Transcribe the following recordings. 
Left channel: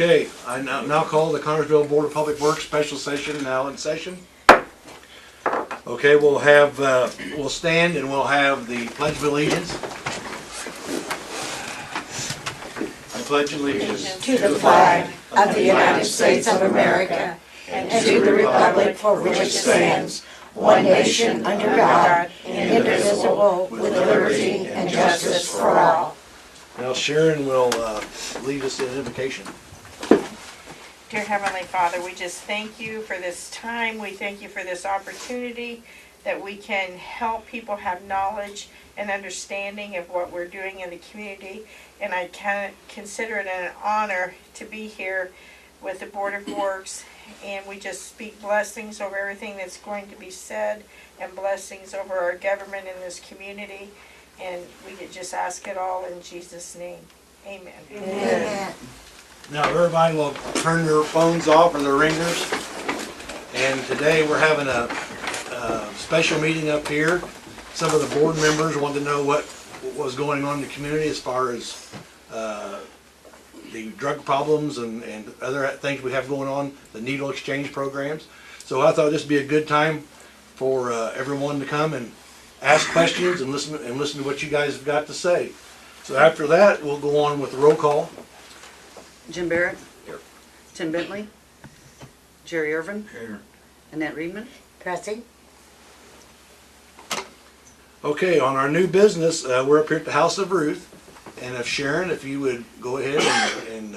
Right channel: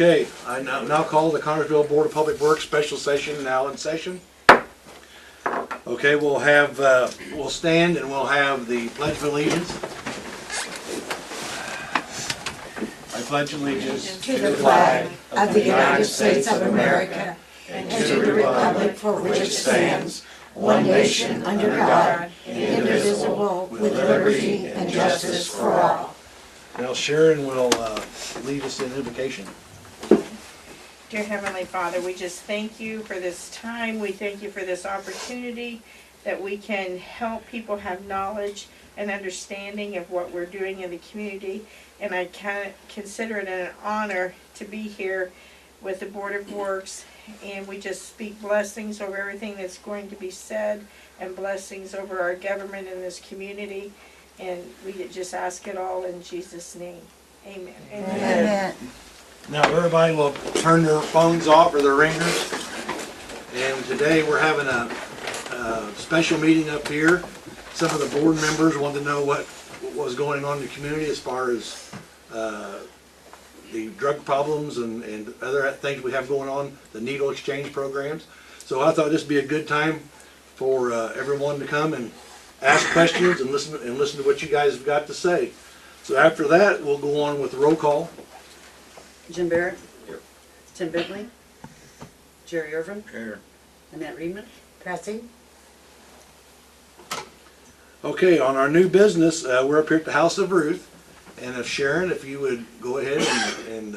Okay, I now call the Connersville Board of Public Works special session now in session. Okay, we'll have, we'll stand and we'll have the Pledge of Allegiance. I pledge allegiance to the flag of the United States of America and to the republic for which it stands, one nation under God, indivisible, with liberty and justice for all. Now Sharon will lead us in invocation. Dear Heavenly Father, we just thank you for this time. We thank you for this opportunity that we can help people have knowledge and understanding of what we're doing in the community. And I consider it an honor to be here with the Board of Works. And we just speak blessings over everything that's going to be said and blessings over our government in this community. And we just ask it all in Jesus' name. Amen. Amen. Now everybody will turn their phones off or their ringers. And today we're having a special meeting up here. Some of the board members wanted to know what was going on in the community as far as the drug problems and other things we have going on, the needle exchange programs. So I thought this would be a good time for everyone to come and ask questions and listen to what you guys have got to say. So after that, we'll go on with the roll call. Jim Barrett. Here. Tim Bentley. Jerry Irvin. Here. Annette Reedman. Present. Okay, on our new business, we're up here at the House of Ruth. And if Sharon, if you would go ahead and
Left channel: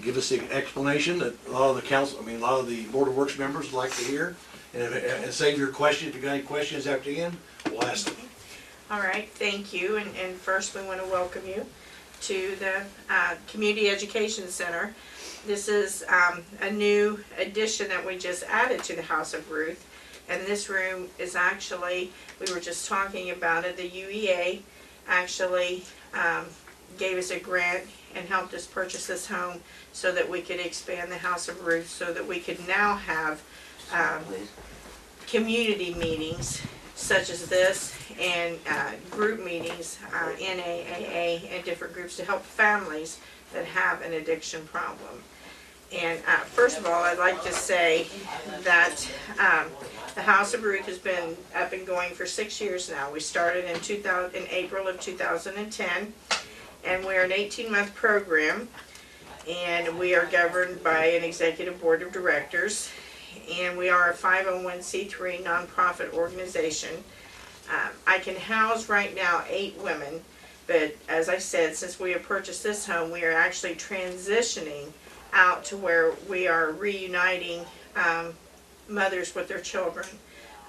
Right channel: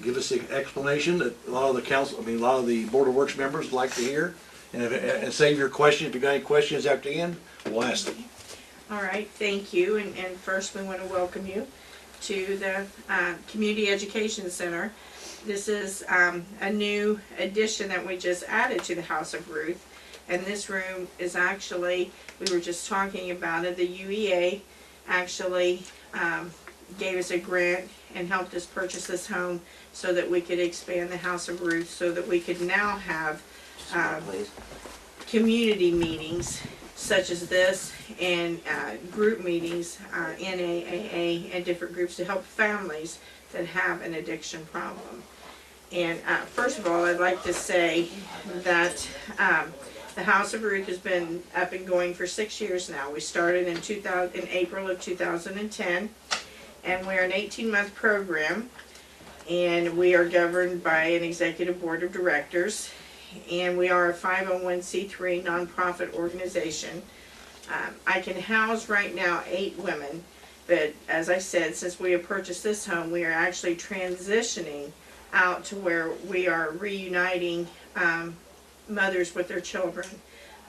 give us the explanation that a lot of the council, a lot of the Board of Works members would like to hear. And save your questions. If you've got any questions after the end, we'll ask them. All right, thank you. And first we want to welcome you to the Community Education Center. This is a new addition that we just added to the House of Ruth. And this room is actually, we were just talking about it, the UEA actually gave us a grant and helped us purchase this home so that we could expand the House of Ruth, so that we could now have community meetings such as this and group meetings, NAAA and different groups to help families that have an addiction problem. And first of all, I'd like to say that the House of Ruth has been up and going for 6 years now. We started in April of 2010, and we're an 18-month program, and we are governed by an executive board of directors. And we are a 501c3 nonprofit organization. I can house right now 8 women, but as I said, since we have purchased this home, we are actually transitioning out to where we are reuniting mothers with their children.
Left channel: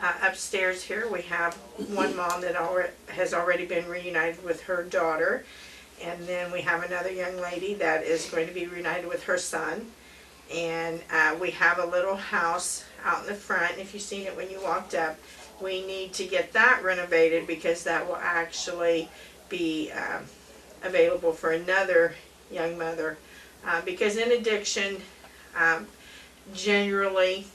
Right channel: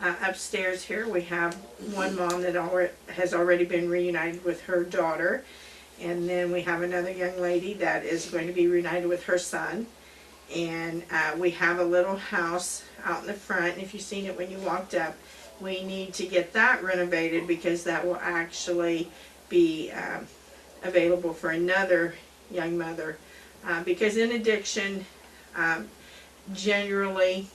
Upstairs here we have one mom that has already been reunited with her daughter, and then we have another young lady that is going to be reunited with her son. And we have a little house out in the front, and if you've seen it when you walked up, we need to get that renovated because that will actually be available for another young mother. Because in addiction, generally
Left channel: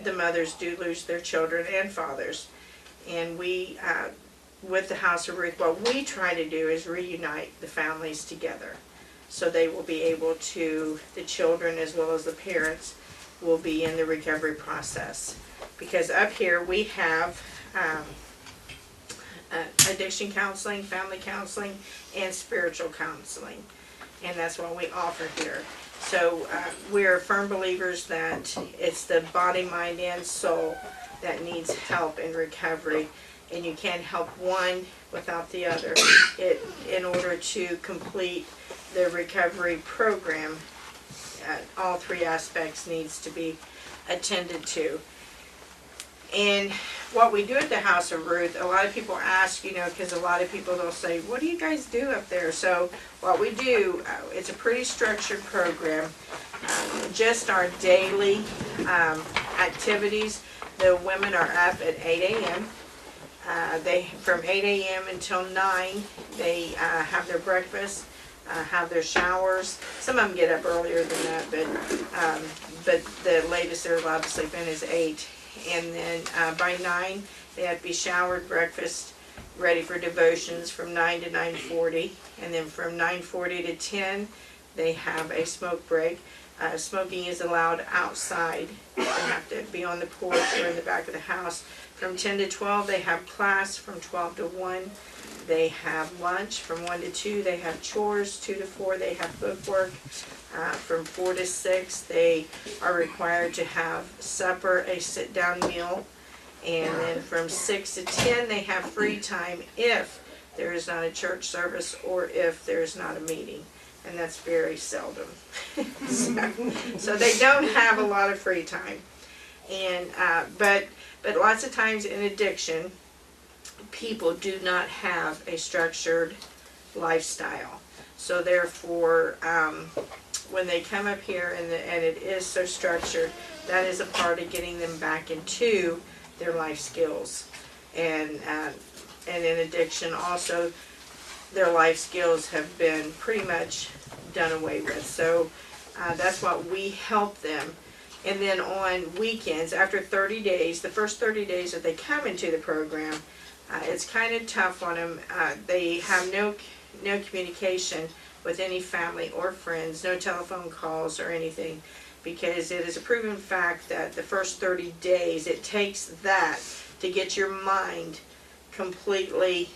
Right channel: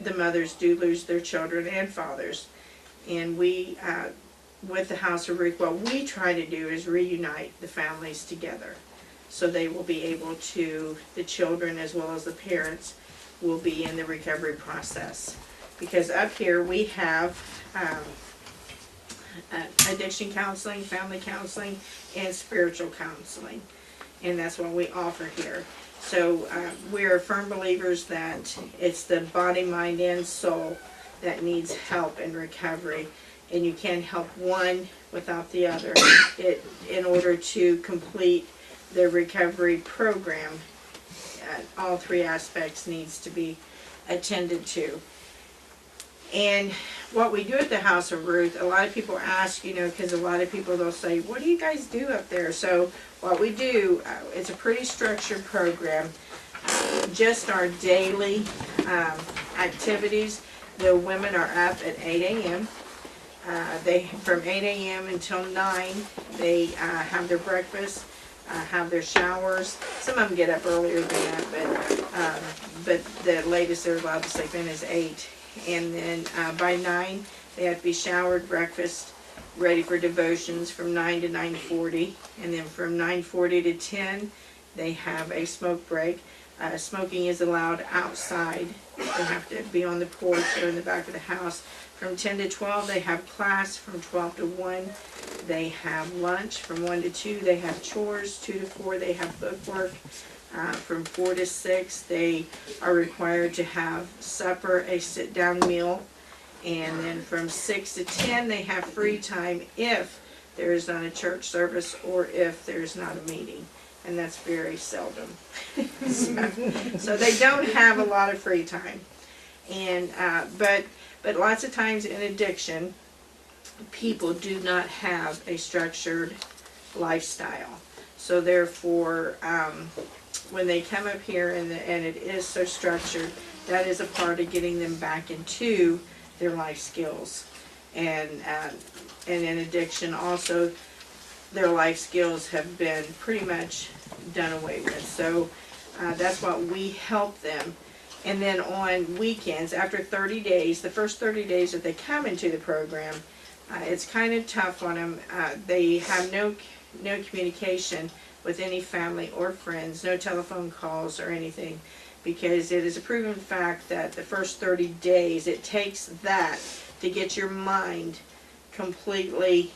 the mothers do lose their children and fathers. And we, with the House of Ruth, what we try to do is reunite the families together. So they will be able to, the children as well as the parents, will be in the recovery process. Because up here we have addiction counseling, family counseling, and spiritual counseling. And that's what we offer here. So we're firm believers that it's the body, mind, and soul that needs help in recovery. And you can't help one without the other. In order to complete the recovery program, all 3 aspects needs to be attended to. And what we do at the House of Ruth, a lot of people ask, because a lot of people, they'll say, what do you guys do up there? So what we do, it's a pretty structured program. Just our daily activities. The women are up at 8 a.m. From 8 a.m. until 9, they have their breakfast, have their showers. Some of them get up earlier than that, but the latest they're allowed to sleep in is 8. And then by 9, they have to be showered, breakfast, ready for devotions from 9 to 9:40. And then from 9:40 to 10, They have a smoke break. Smoking is allowed outside. They have to be on the porch or in the back of the house. From 10 to 12, they have class. From 12 to 1, they have lunch. From 1 to 2, they have chores. 2 to 4, they have bookwork. From 4 to 6, they are required to have supper, a sit-down meal. And then from 6 to 10, they have free time if there is not a church service or if there is not a meeting. And that's very seldom. so they don't have a lot of free time. And but lots of times in addiction, people do not have a structured lifestyle. So therefore, when they come up here and it is so structured, that is a part of getting them back into their life skills. And in addiction also, their life skills have been pretty much done away with. So that's what we help them. And then on weekends, after 30 days, the first 30 days that they come into the program, it's kind of tough on them. They have no communication with any family or friends, no telephone calls or anything, because it is a proven fact that the first 30 days, it takes that to get your mind completely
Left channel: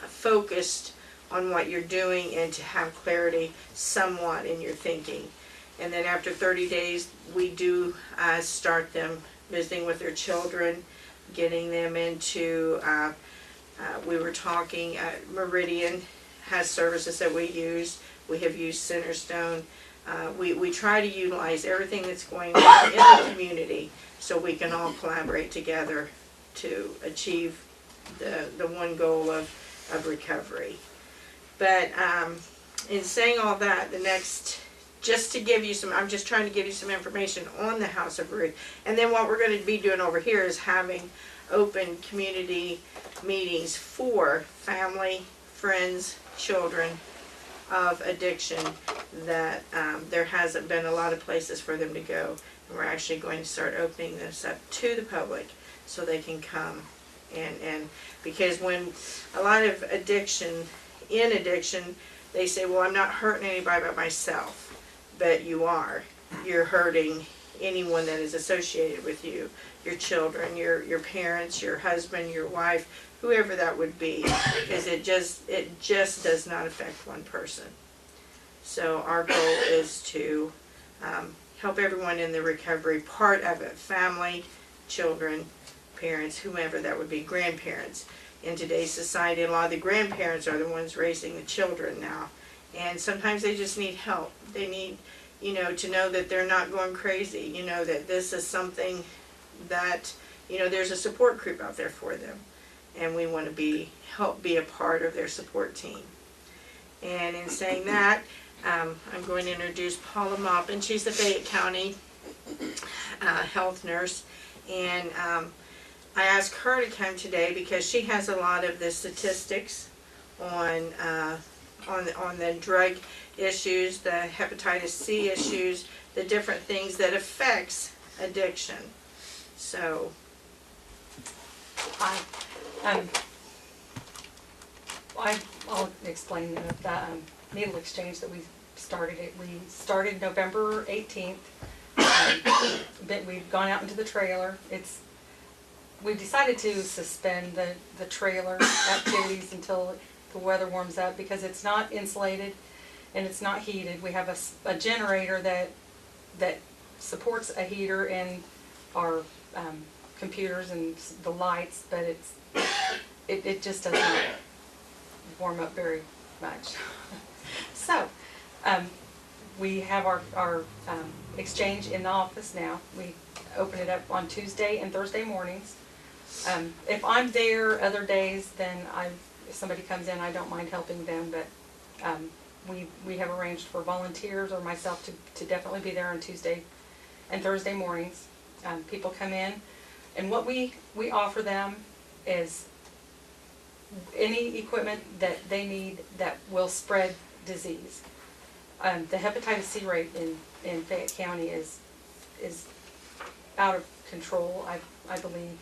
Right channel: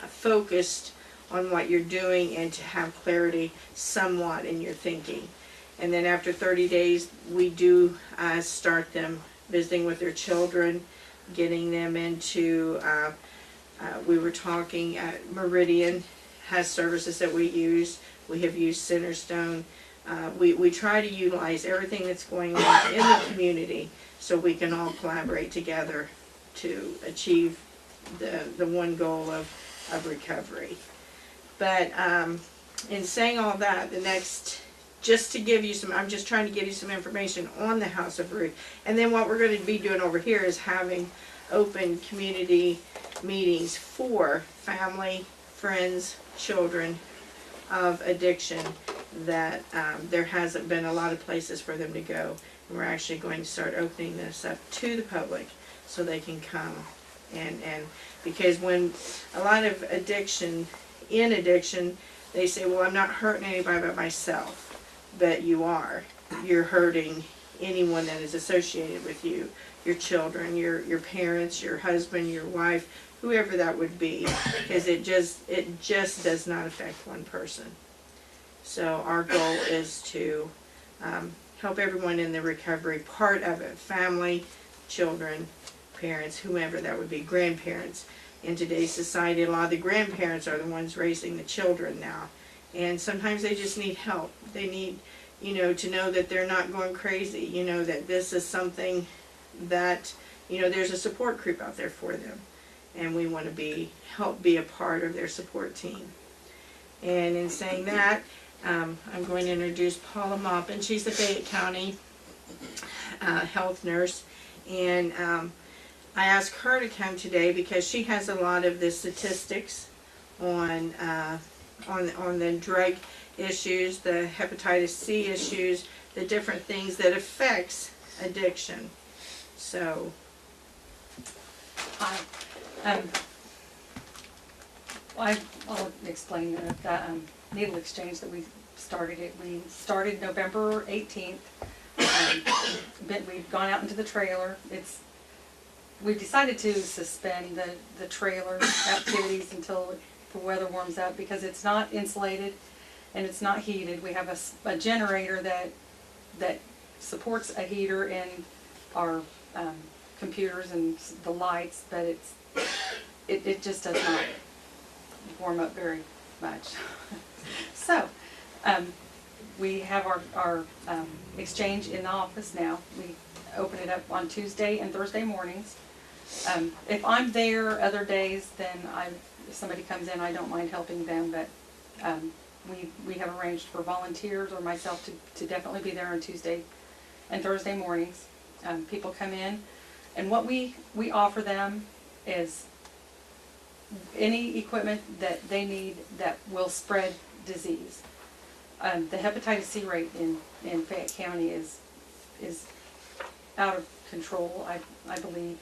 focused on what you're doing and to have clarity somewhat in your thinking. And then after 30 days, we do start them visiting with their children, getting them into, we were talking, Meridian has services that we use. We have used Centerstone. We try to utilize everything that's going on in the community so we can all collaborate together to achieve the one goal of recovery. But in saying all that, just to give you some, I'm just trying to give you some information on the House of Ruth. And then what we're going to be doing over here is having open community meetings for family, friends, children of addiction that there hasn't been a lot of places for them to go. And we're actually going to start opening this up to the public so they can come. And because when a lot of addiction, they say, well, I'm not hurting anybody but myself. But you are. You're hurting anyone that is associated with you, your children, your parents, your husband, your wife, whoever that would be, because it just does not affect one person. So our goal is to help everyone in the recovery part of it, family, children, parents, whomever that would be, grandparents. In today's society, a lot of the grandparents are the ones raising the children now. And sometimes they just need help. They need, to know that they're not going crazy, that this is something that, there's a support group out there for them. And we want to help be a part of their support team. And in saying that, I'm going to introduce Paula Maupin. She's the Fayette County health nurse. And I asked her to come today because she has a lot of the statistics on the drug issues, the hepatitis C issues, the different things that affects addiction. So, I'll explain that needle exchange that we started. We started November 18th. But we've gone out into the trailer. We've decided to suspend the trailer activities until the weather warms up because it's not insulated and it's not heated. We have a generator that supports a heater in our computers and the lights, but it just does not warm up very much. So we have our exchange in the office now. We open it up on Tuesday and Thursday mornings. If I'm there other days, then if somebody comes in, I don't mind helping them, but we have arranged for volunteers or myself to definitely be there on Tuesday and Thursday mornings. People come in, and what we offer them is any equipment that they need that will spread disease. The hepatitis C rate in Fayette County is out of control, I believe.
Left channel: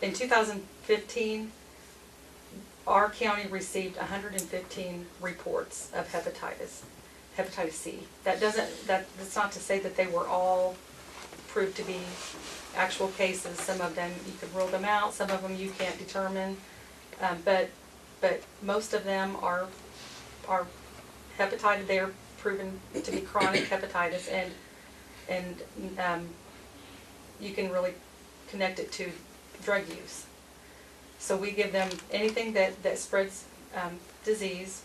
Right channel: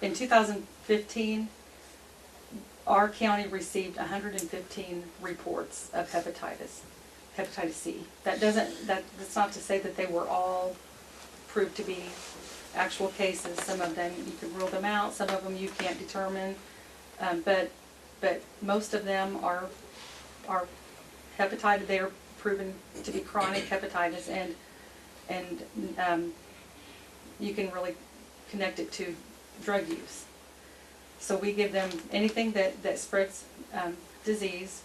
In 2015, our county received 115 reports of hepatitis C. That's not to say that they were all proved to be actual cases. Some of them you can rule them out, some of them you can't determine, but most of them are hepatitis. They are proven to be chronic hepatitis, and you can really connect it to drug use. So we give them anything that spreads disease.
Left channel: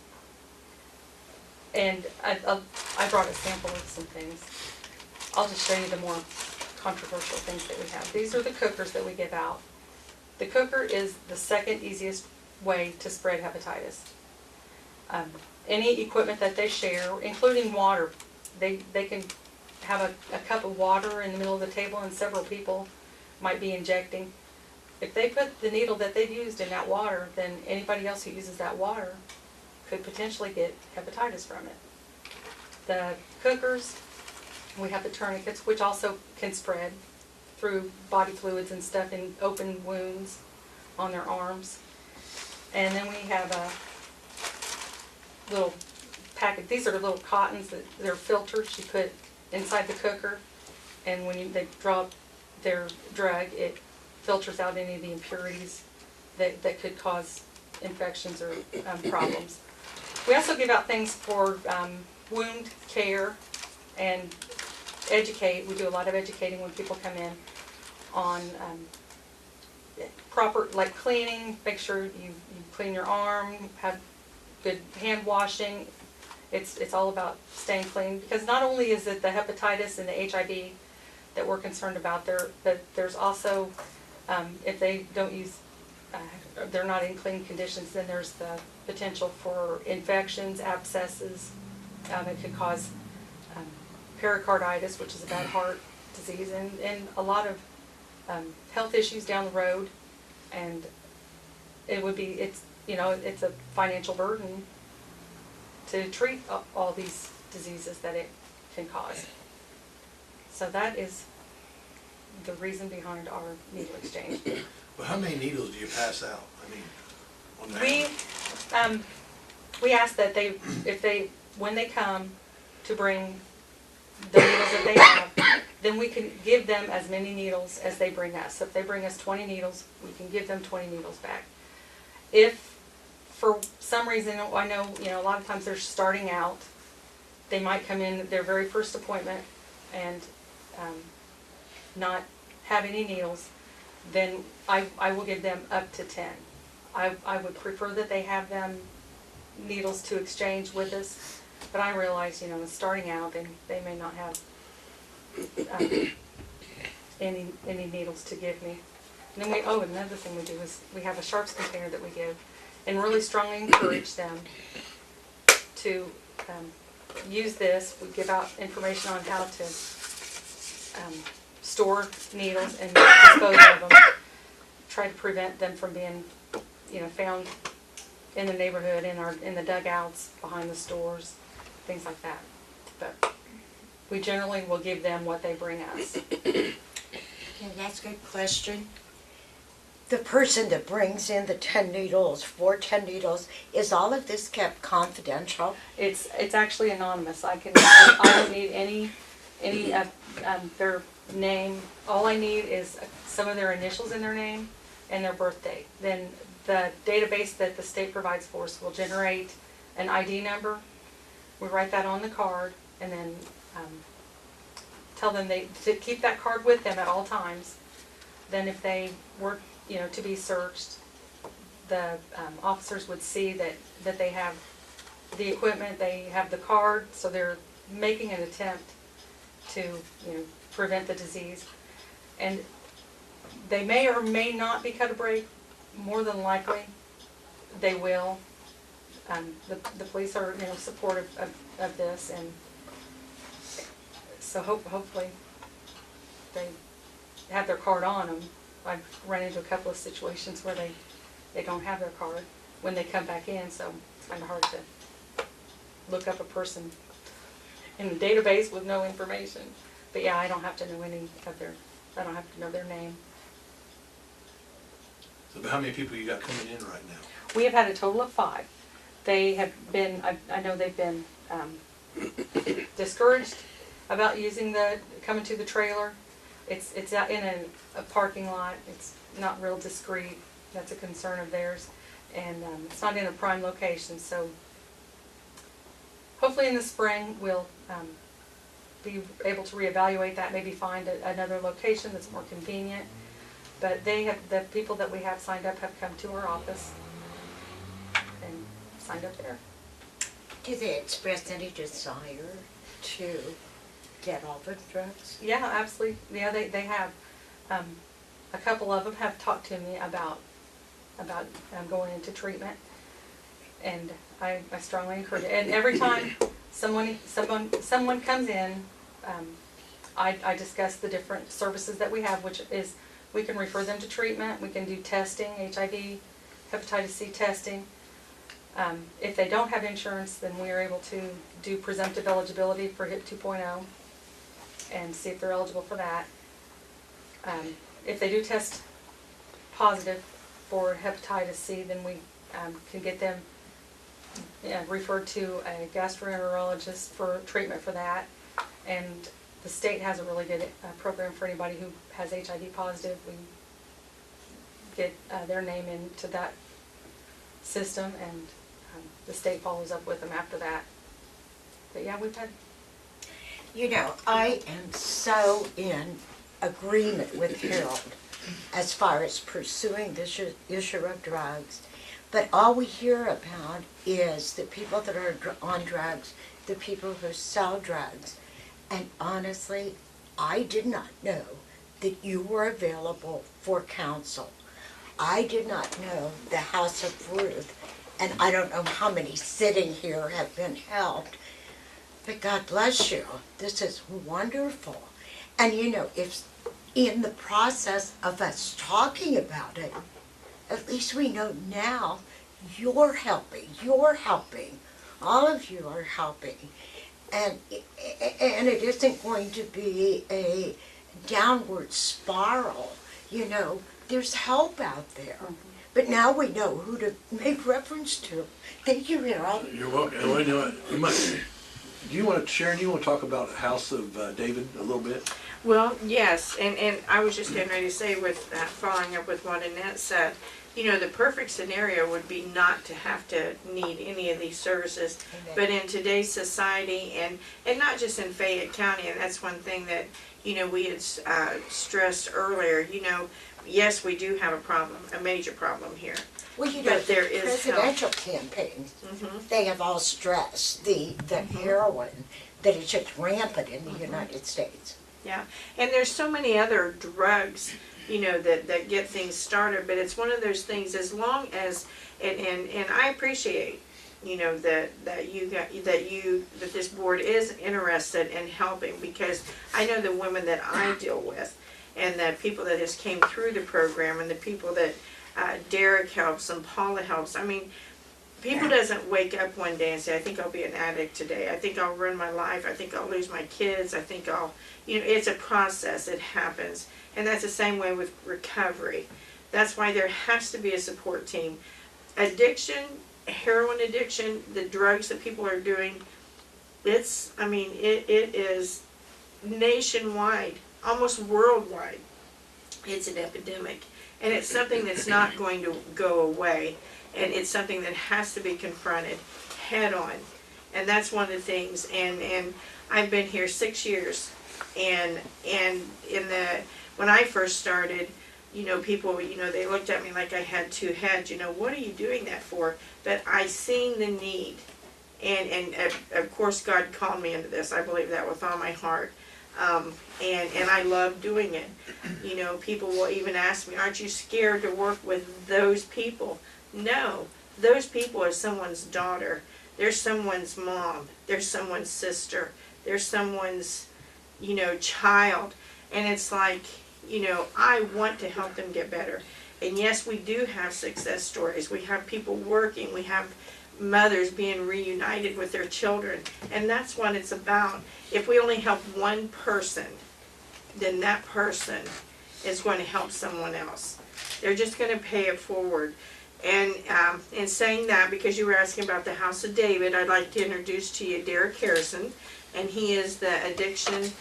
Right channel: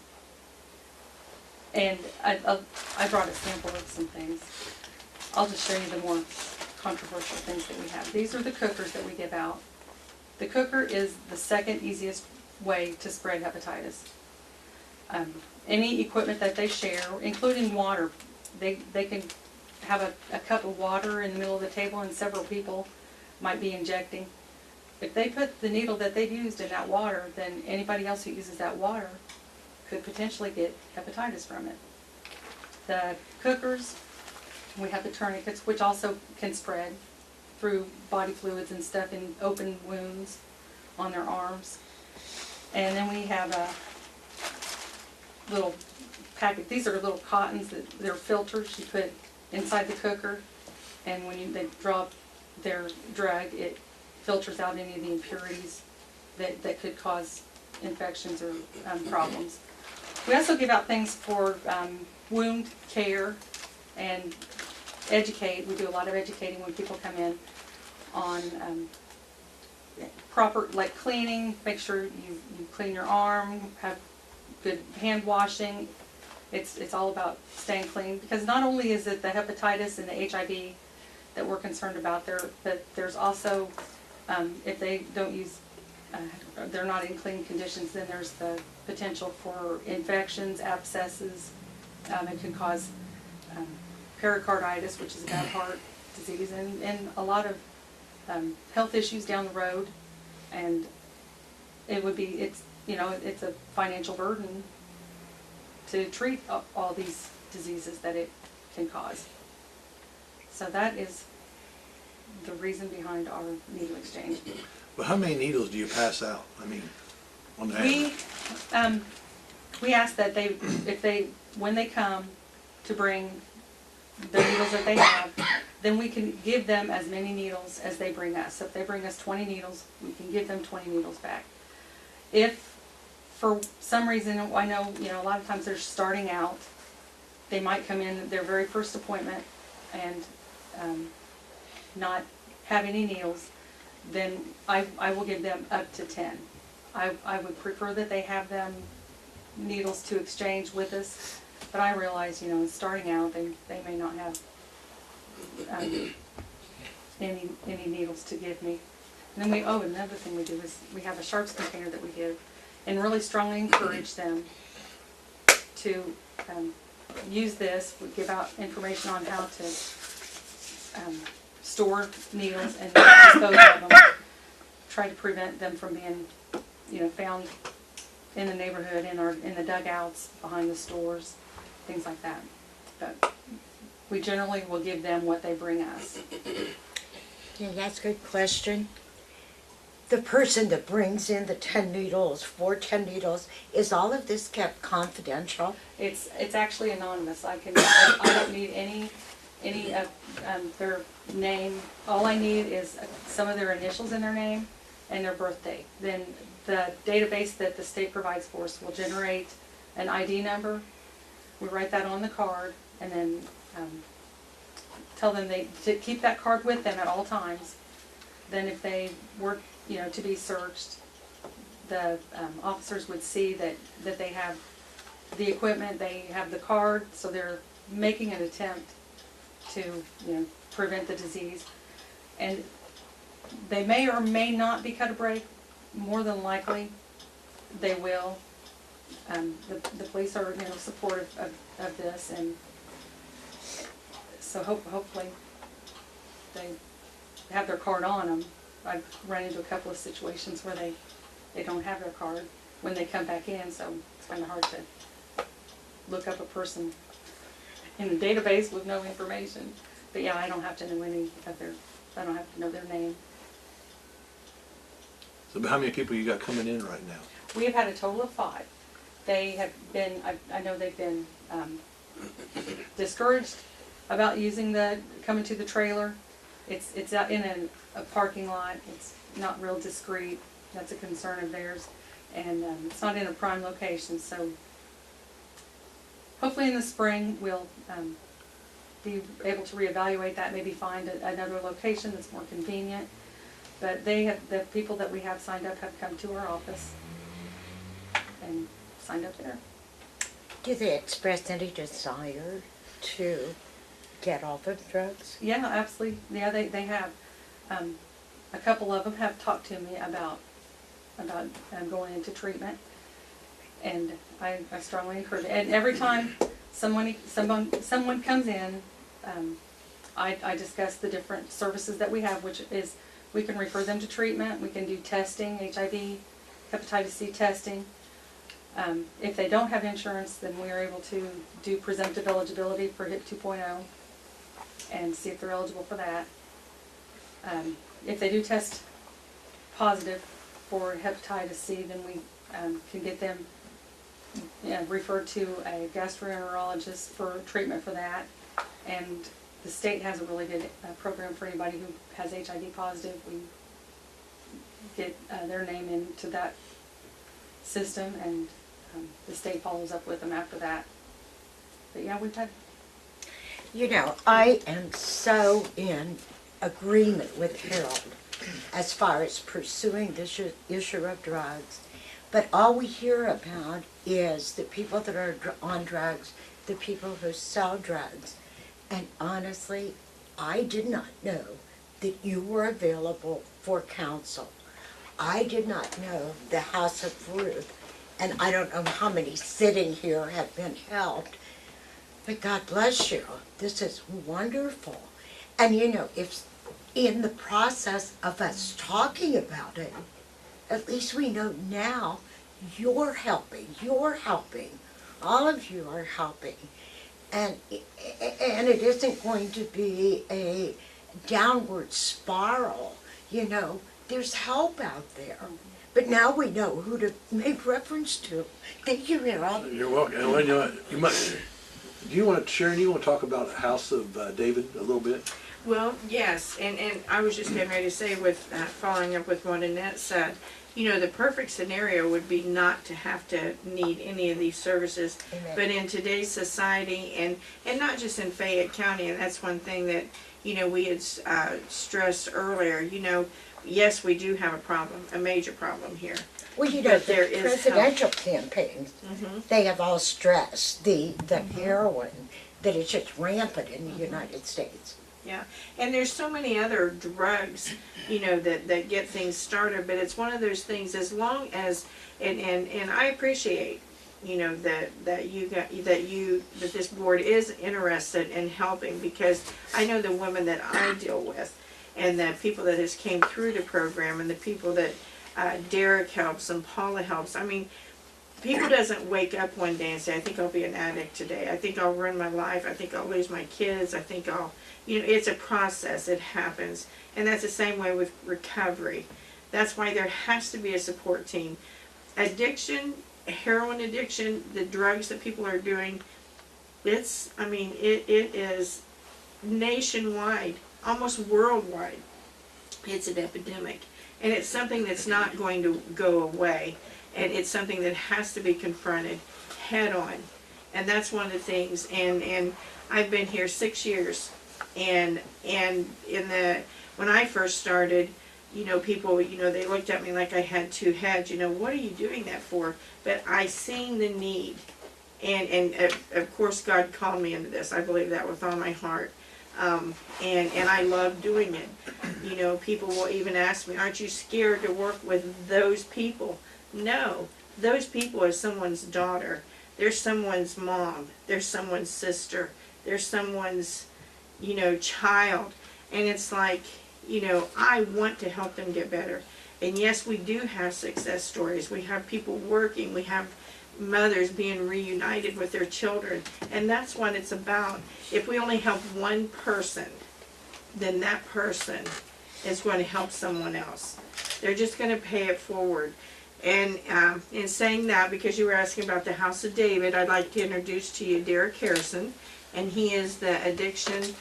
And I brought a sample of some things. I'll just show you the more controversial things that we have. These are the cookers that we give out. The cooker is the second easiest way to spread hepatitis. Any equipment that they share, including water, they can have a cup of water in the middle of the table and several people might be injecting. If they put the needle that they've used in that water, then anybody else who uses that water could potentially get hepatitis from it. The cookers, we have the tourniquets, which also can spread through body fluids and stuff in open wounds on their arms. And then we have a little packet. These are little cottons they're filters you put inside the cooker, and when they draw their drug, it filters out any of the impurities that could cause infections or problems. We also give out things for wound care and educate. We do a lot of educating when people come in on proper, like cleaning. Make sure you clean your arm, have good hand washing. It's all about staying clean, because not only is it the hepatitis and the HIV that we're concerned about there, but there's also, if they don't use, they're not in clean conditions, then there's the potential for infections, abscesses. It could cause pericarditis, which is a bad heart disease, and a lot of health issues down the road. And it's a financial burden to treat all these diseases that it can cause. So that is the reason behind our needle exchange. But how many needles do you pass out? I mean, on the We ask that when they come to bring the needles that they have, then we can give them as many needles as they bring us. So if they bring us 20 needles, we can give them 20 needles back. If for some reason, I know, a lot of times they're starting out, they might come in their very first appointment and not have any needles, then I will give them up to 10. I would prefer that they have them needles to exchange with us, but I realize, starting out, they may not have any needles to give me. And then another thing we do is we have a sharps container that we give, and really strongly encourage them to use this. We give out information on how to store needles and dispose of them. Try to prevent them from being, found in the neighborhood, in the dugouts, behind the stores, things like that. But we generally will give them what they bring us. Yeah, that's a good question. The person that brings in the 10 needles, is all of this kept confidential? It's actually anonymous. I don't need any of their name. All I need is some of their initials in their name and their birth date. Then the database that the state provides for us will generate an ID number. We write that on the card, and then tell them to keep that card with them at all times. Then if they were to be searched, the officers would see that they have the equipment, they have the card, so they're making an attempt to prevent the disease. And they may or may not be cut a break. More than likely they will. The police are supportive of this, and so hopefully they have their card on them. I've run into a couple of situations where they don't have their card when they come back in, so it's kind of hard to look up a person in the database with no information. But yeah, I don't have to know I don't have to know their name. So how many people you got coming in right now? We have had a total of 5. They have been, I know they've been discouraged about coming to the trailer. It's out in a parking lot. It's not real discreet. That's a concern of theirs. And it's not in a prime location. So hopefully in the spring we'll be able to reevaluate that, maybe find another location that's more convenient. But the people that we have signed up have come to our office and signed up there. Do they express any desire to get off of drugs? Yeah, absolutely. Yeah, they have. A couple of them have talked to me about going into treatment, and I strongly encourage it. And every time someone comes in, I discuss the different services that we have, which is we can refer them to treatment. We can do testing, HIV, hepatitis C testing. If they don't have insurance, then we are able to do presumptive eligibility for HIP 2.0 and see if they're eligible for that. If they do test positive for hepatitis C, then we can get them referred to a gastroenterologist for treatment for that. And the state has a really good program for anybody who has HIV positive. We get their name into that system, and the state follows up with them after that. But yeah, we've had... You know, I am so in agreement with Harold as far as pursuing this issue of drugs, but all we hear about is the people that are on drugs, the people who sell drugs. And honestly, I did not know that you were available for counsel. I did not know the House of Ruth, and I don't know how many sitting here have been helped, but God bless you. This is wonderful. And you know, if in the process of us talking about it, at least we know now you're helping, all of you are helping. And it isn't going to be a downward spiral, you know. There's help out there. But now we know who to make reference to. Thank you, Harold. You're welcome. And you know what, do you want to, Sharon, you want to talk about House of David a little bit? Well, yes, and I was just getting ready to say, with following up with what Annette said, you know, the perfect scenario would be not to have to need any of these services. Amen. But in today's society, and not just in Fayette County, and that's one thing that, you know, we had stressed earlier, you know, yes, we do have a problem, a major problem here. Well, you know, But the there is presidential campaigns, Mhm. they have all stressed the heroin that is just rampant in the United States. Yeah, and there's so many other drugs, you know, that get things started, but it's one of those things, as long as, and I appreciate, you know, that this board is interested in helping, because I know the women that I deal with, and the people that has came through the program, and the people that Derek helps and Paula helps. I mean, people doesn't wake up one day and say, I think I'll be an addict today. I think I'll ruin my life. I think I'll lose my kids. I think I'll, you know, it's a process. It happens. And that's the same way with recovery. That's why there has to be a support team. Addiction, heroin addiction, the drugs that people are doing, it is nationwide, almost worldwide. It's an epidemic. And it's something that's not going to go away. And it's something that has to be confronted head on. And that's one of the things. And I've been here 6 years. And when I first started, you know, people, you know, they looked at me like I had two heads. You know, what are you doing that for? But I seen the need. And of course, God called me into this. I believe that with all my heart. And I love doing it. You know, people will even ask me, aren't you scared to work with those people? No, those people are someone's daughter. They're someone's mom. They're someone's sister. They're someone's, you know, child. And it's like, you know, I want to help them get better. And yes, we do have success stories. We have people working. We have mothers being reunited with their children. And that's what it's about. If we only help one person, then that person is going to help someone else. They're just going to pay it forward. And in saying that, because you were asking about the House of David, I'd like to introduce to you Derek Harrison, and he is the addiction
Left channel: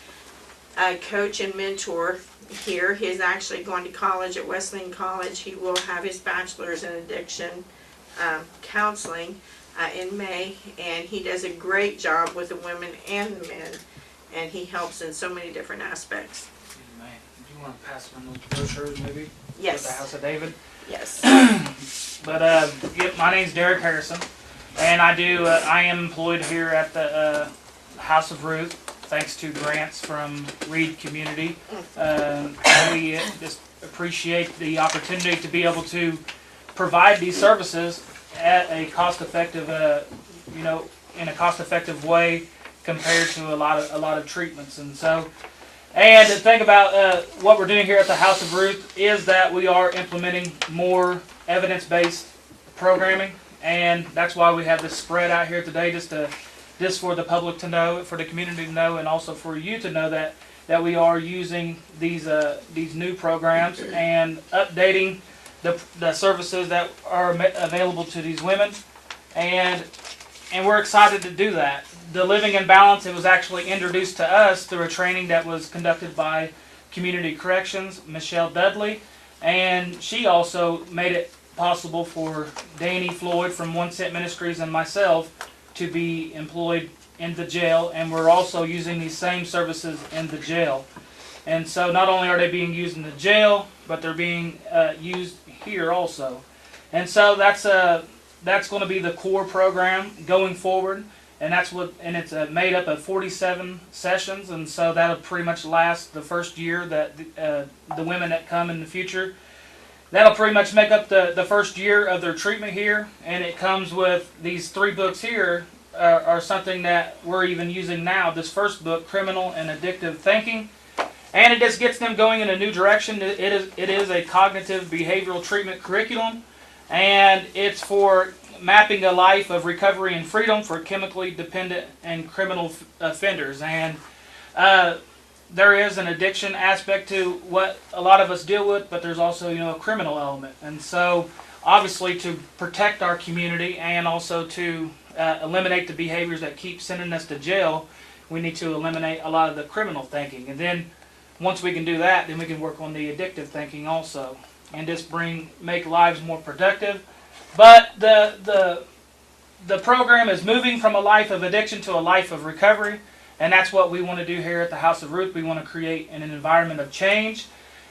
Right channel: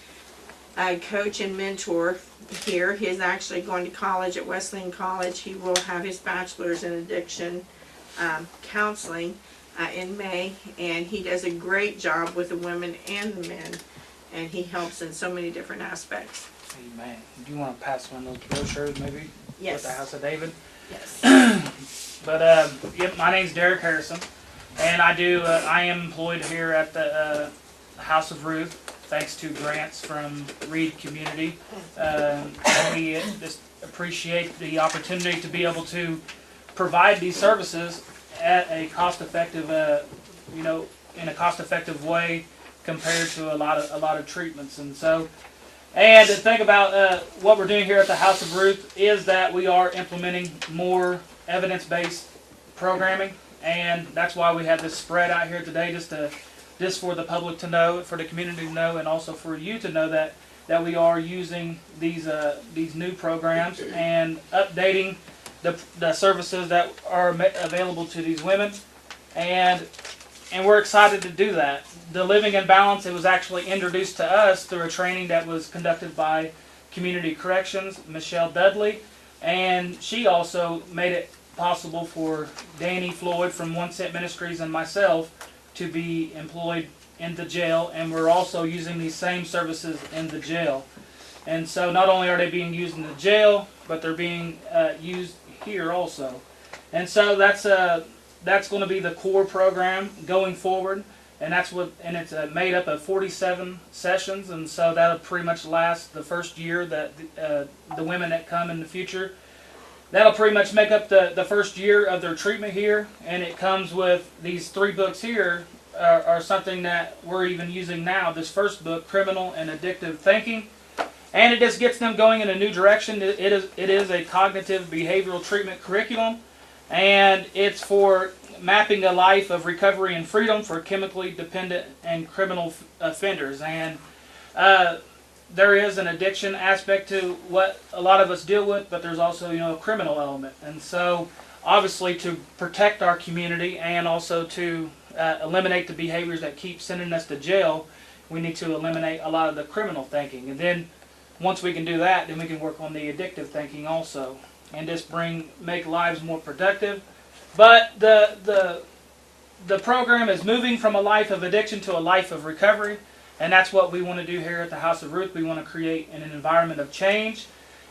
coach and mentor here. He is actually going to college at Wesleyan College. He will have his bachelor's in addiction counseling in May, and he does a great job with the women and the men, and he helps in so many different aspects. Amen. Do you want to pass one of those brochures maybe? Yes. With the House of David? Yes. But, yep, my name's Derek Harrison, and I am employed here at the House of Ruth, thanks to grants from Reed Community. We just appreciate the opportunity to be able to provide these services at a cost-effective, in a cost-effective way compared to a lot of treatments. And so, and the thing about what we're doing here at the House of Ruth is that we are implementing more evidence-based programming, and that's why we have this spread out here today, just for the public to know, for the community to know, and also for you to know that we are using these new programs and updating the services that are available to these women, and we're excited to do that. The Living in Balance, it was actually introduced to us through a training that was conducted by Community Corrections, Michelle Dudley, and she also made it possible for Danny Floyd from One Cent Ministries and myself to be employed in the jail, and we're also using these same services in the jail. And so not only are they being used in the jail, but they're being used here also. And so that's going to be the core program going forward, and it's made up of 47 sessions, and so that'll pretty much last the first year that the women that come in the future. That'll pretty much make up the first year of their treatment here, and it comes with these 3 books here are something that we're even using now. This first book, Criminal and Addictive Thinking, and it just gets them going in a new direction. It is a cognitive behavioral treatment curriculum, and it's for mapping a life of recovery and freedom for chemically dependent and criminal offenders. And there is an addiction aspect to what a lot of us deal with, but there's also, a criminal element. And so, obviously, to protect our community and also to eliminate the behaviors that keep sending us to jail, we need to eliminate a lot of the criminal thinking. And then, once we can do that, then we can work on the addictive thinking also, and just make lives more productive. But the program is moving from a life of addiction to a life of recovery. And that's what we want to do here at the House of Ruth. We want to create an environment of change.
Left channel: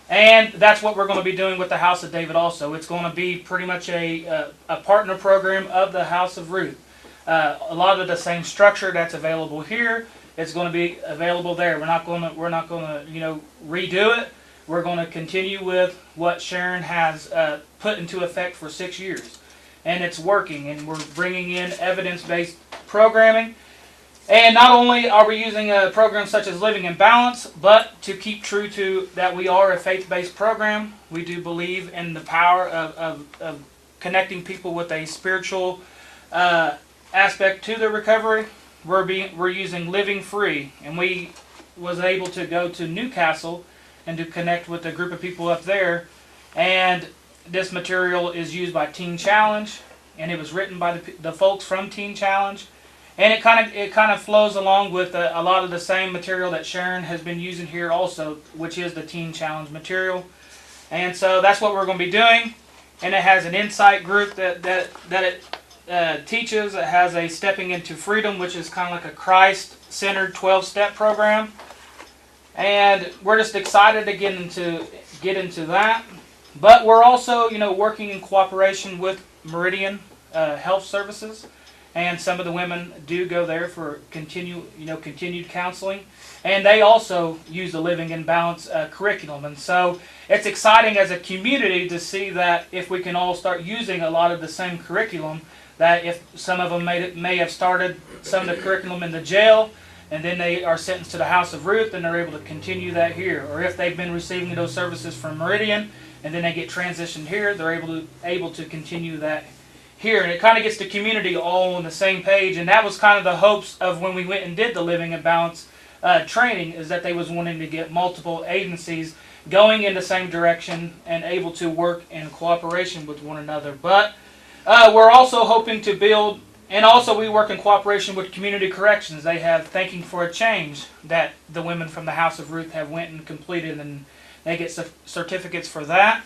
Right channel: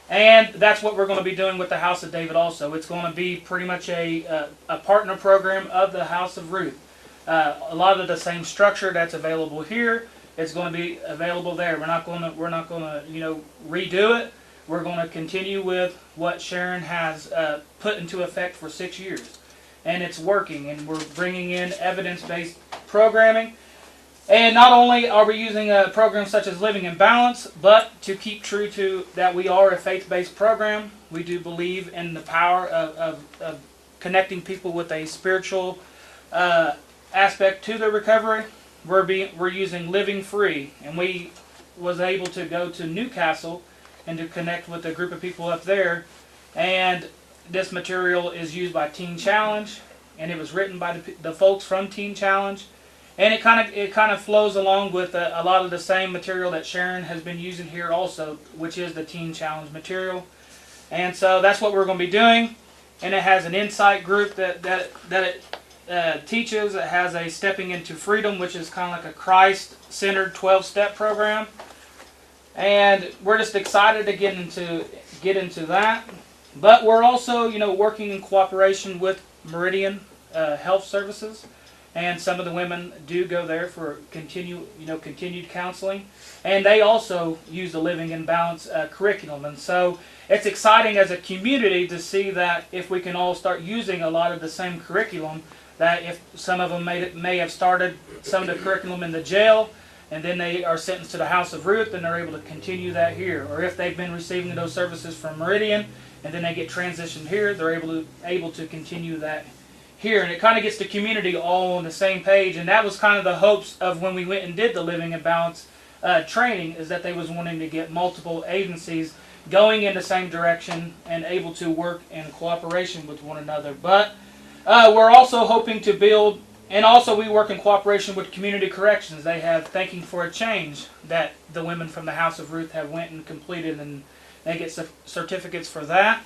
And that's what we're going to be doing with the House of David also. It's going to be pretty much a partner program of the House of Ruth. A lot of the same structure that's available here, it's going to be available there. We're not going to redo it. We're going to continue with what Sharon has put into effect for 6 years. And it's working, and we're bringing in evidence-based programming. And not only are we using a program such as Living in Balance, but to keep true to that we are a faith-based program. We do believe in the power of connecting people with a spiritual aspect to their recovery. We're using Living Free, and we was able to go to Newcastle and to connect with a group of people up there. And this material is used by Teen Challenge, and it was written by the folks from Teen Challenge. And it kind of flows along with a lot of the same material that Sharon has been using here also, which is the Teen Challenge material. And so that's what we're going to be doing. And it has an insight group that it teaches. It has a Stepping into Freedom, which is kind of like a Christ-centered 12-step program. And we're just excited to get into that. But we're also, working in cooperation with Meridian Health Services. And some of the women do go there for continued counseling. And they also use the Living in Balance curriculum. And so it's exciting as a community to see that if we can all start using a lot of the same curriculum, that if some of them may have started some of the curriculum in the jail, and then they are sentenced to the House of Ruth, and they're able to continue that here. Or if they've been receiving those services from Meridian, and then they get transitioned here, they're able to continue that here. And it kind of gets the community all on the same page. And that was kind of the hopes of when we went and did the Living in Balance training, is that they was wanting to get multiple agencies going in the same direction and able to work in cooperation with one another. But we're also hoping to build, and also we work in cooperation with Community Corrections. They have Thanking for a Change that the women from the House of Ruth have went and completed, and they get certificates for that.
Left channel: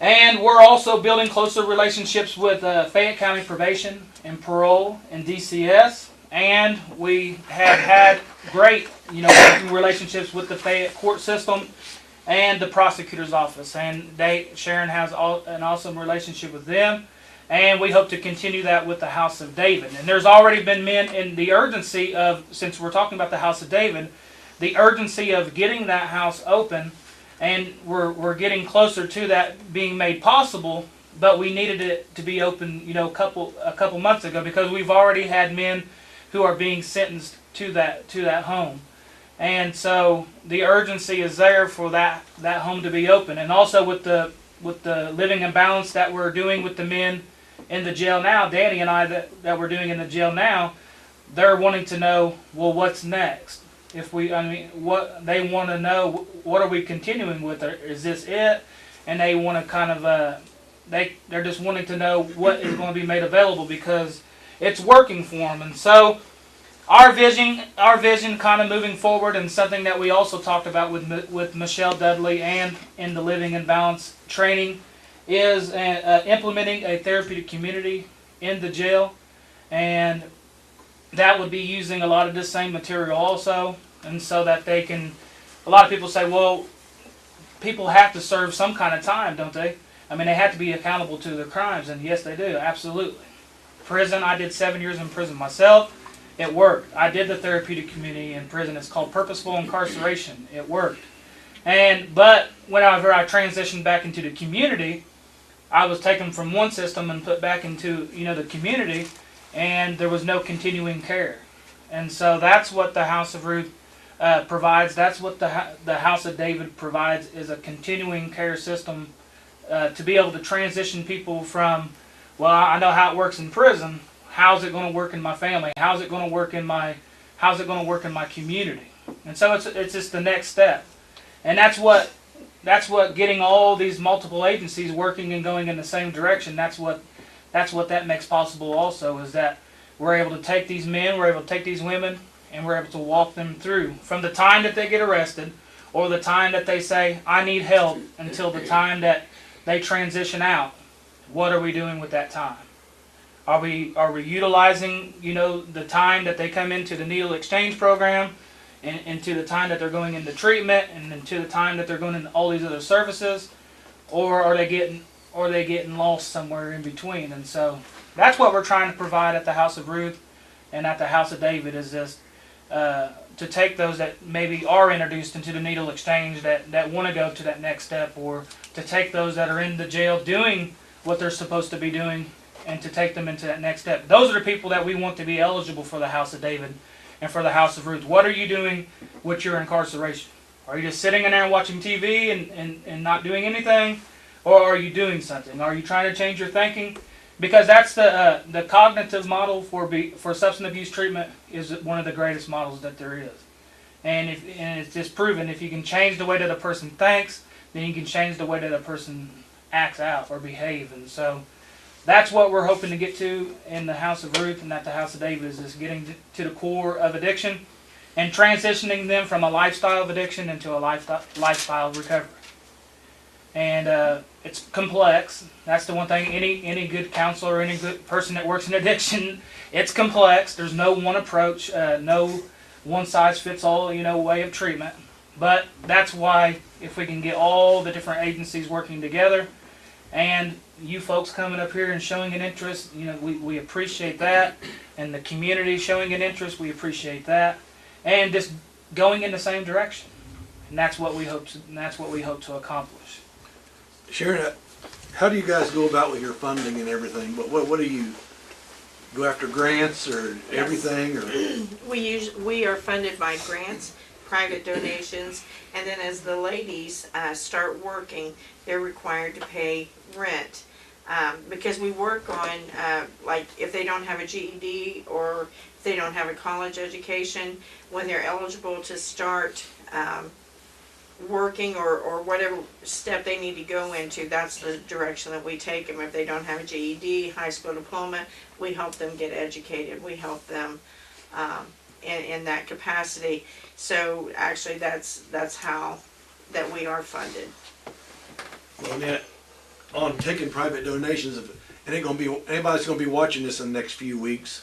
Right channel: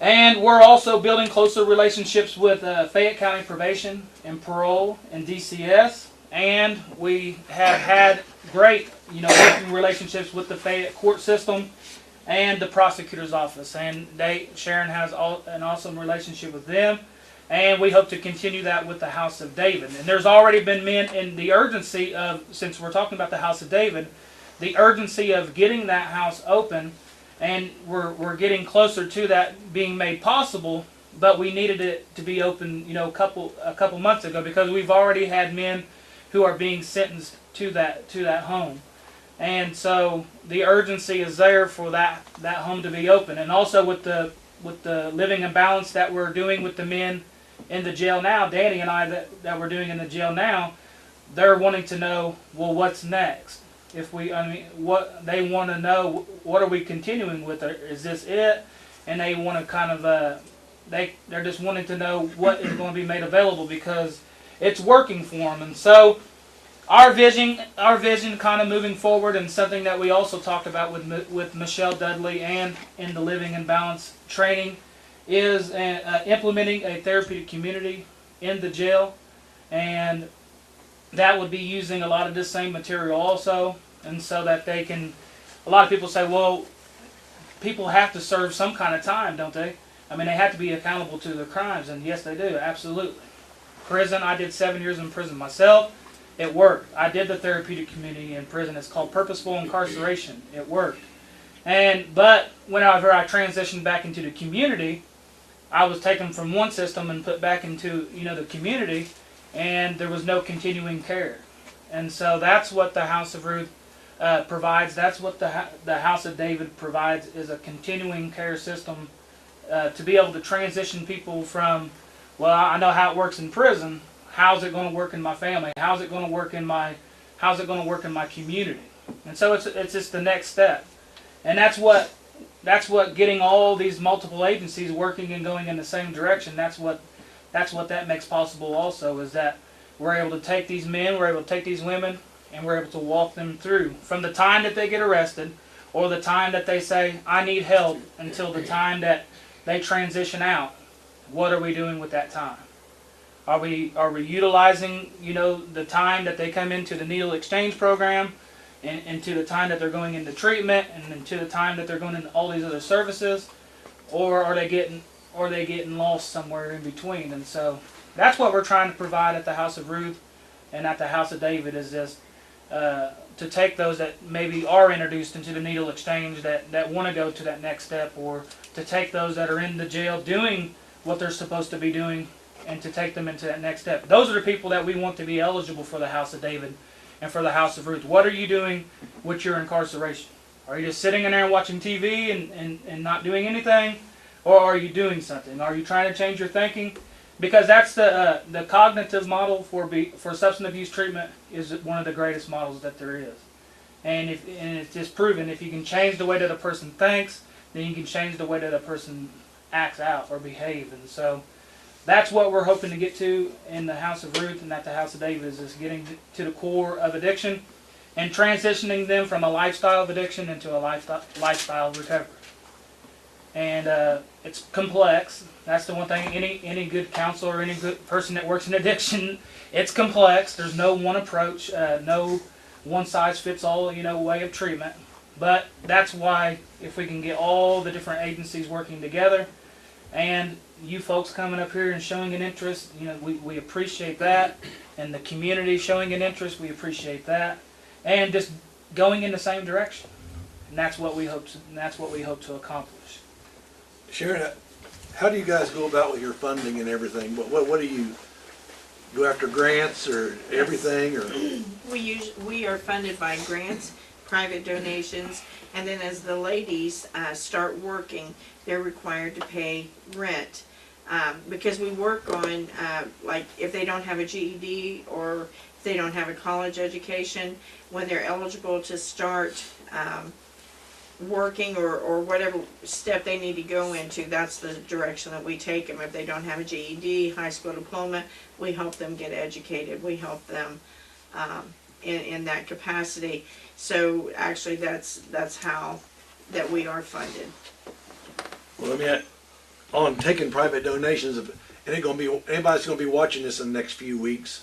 And we're also building closer relationships with Fayette County Probation and Parole and DCS. And we have had great, working relationships with the Fayette court system and the prosecutor's office. And Sharon has an awesome relationship with them. And we hope to continue that with the House of David. And there's already been men in the urgency of, since we're talking about the House of David, the urgency of getting that house open. And we're getting closer to that being made possible, but we needed it to be open, a couple months ago, because we've already had men who are being sentenced to that home, and so the urgency is there for that home to be open. And also with the living in balance that we're doing with the men in the jail now, Danny and I that we're doing in the jail now, they're wanting to know, well, what's next? What they want to know, what are we continuing with? Is this it? And they want to kind of, they're just wanting to know what is going to be made available, because it's working for them. And so our vision kind of moving forward, and something that we also talked about with Michelle Dudley and in the Living in Balance training, is implementing a therapeutic community in the jail. And that would be using a lot of this same material also, and so that they can, a lot of people say, well, people have to serve some kind of time, don't they? They have to be accountable to their crimes, and yes, they do, absolutely. Prison, I did 7 years in prison myself. It worked. I did the therapeutic community in prison. It's called purposeful incarceration. It worked. But whenever I transitioned back into the community, I was taken from one system and put back into, the community, and there was no continuing care. And so that's what the House of Ruth provides. That's what the House of David provides, is a continuing care system to be able to transition people from, well, I know how it works in prison. How's it going to work in my family? How's it going to work in my community? And so it's just the next step. And that's what getting all these multiple agencies working and going in the same direction. That's what that makes possible also, is that we're able to take these men, we're able to take these women, and we're able to walk them through from the time that they get arrested, or the time that they say, I need help, until the time that they transition out. What are we doing with that time? Are we utilizing, the time that they come into the needle exchange program, and into the time that they're going into treatment, and into the time that they're going into all these other services, or are they getting lost somewhere in between? And so that's what we're trying to provide at the House of Ruth and at the House of David, is this, to take those that maybe are introduced into the needle exchange that want to go to that next step, or to take those that are in the jail doing what they're supposed to be doing, and to take them into that next step. Those are the people that we want to be eligible for the House of David and for the House of Ruth. What are you doing with your incarceration? Are you just sitting in there and watching TV and not doing anything? Or are you doing something? Are you trying to change your thinking? Because that's the cognitive model for substance abuse treatment, is one of the greatest models that there is. And it's just proven, if you can change the way that a person thinks, then you can change the way that a person acts out or behave. And so that's what we're hoping to get to in the House of Ruth and at the House of David, is getting to the core of addiction and transitioning them from a lifestyle of addiction into a lifestyle of recovery. And it's complex. That's the one thing. Any good counselor or any good person that works in addiction, it's complex. There's no one approach, no one size fits all, way of treatment. But that's why, if we can get all the different agencies working together, and you folks coming up here and showing an interest, we appreciate that, and the community showing an interest, we appreciate that, and just going in the same direction. And that's what we hope to accomplish. Sharon, how do you guys go about with your funding and everything? What do you go after, grants or everything, or? We are funded by grants, private donations, and then as the ladies start working, they're required to pay rent. Because we work on, like, if they don't have a GED or if they don't have a college education, when they're eligible to start working or whatever step they need to go into, that's the direction that we take them. If they don't have a GED, high school diploma, we help them get educated. We help them in that capacity. So actually, that's how that we are funded. Well, I mean, on taking private donations, and anybody's gonna be watching this in the next few weeks,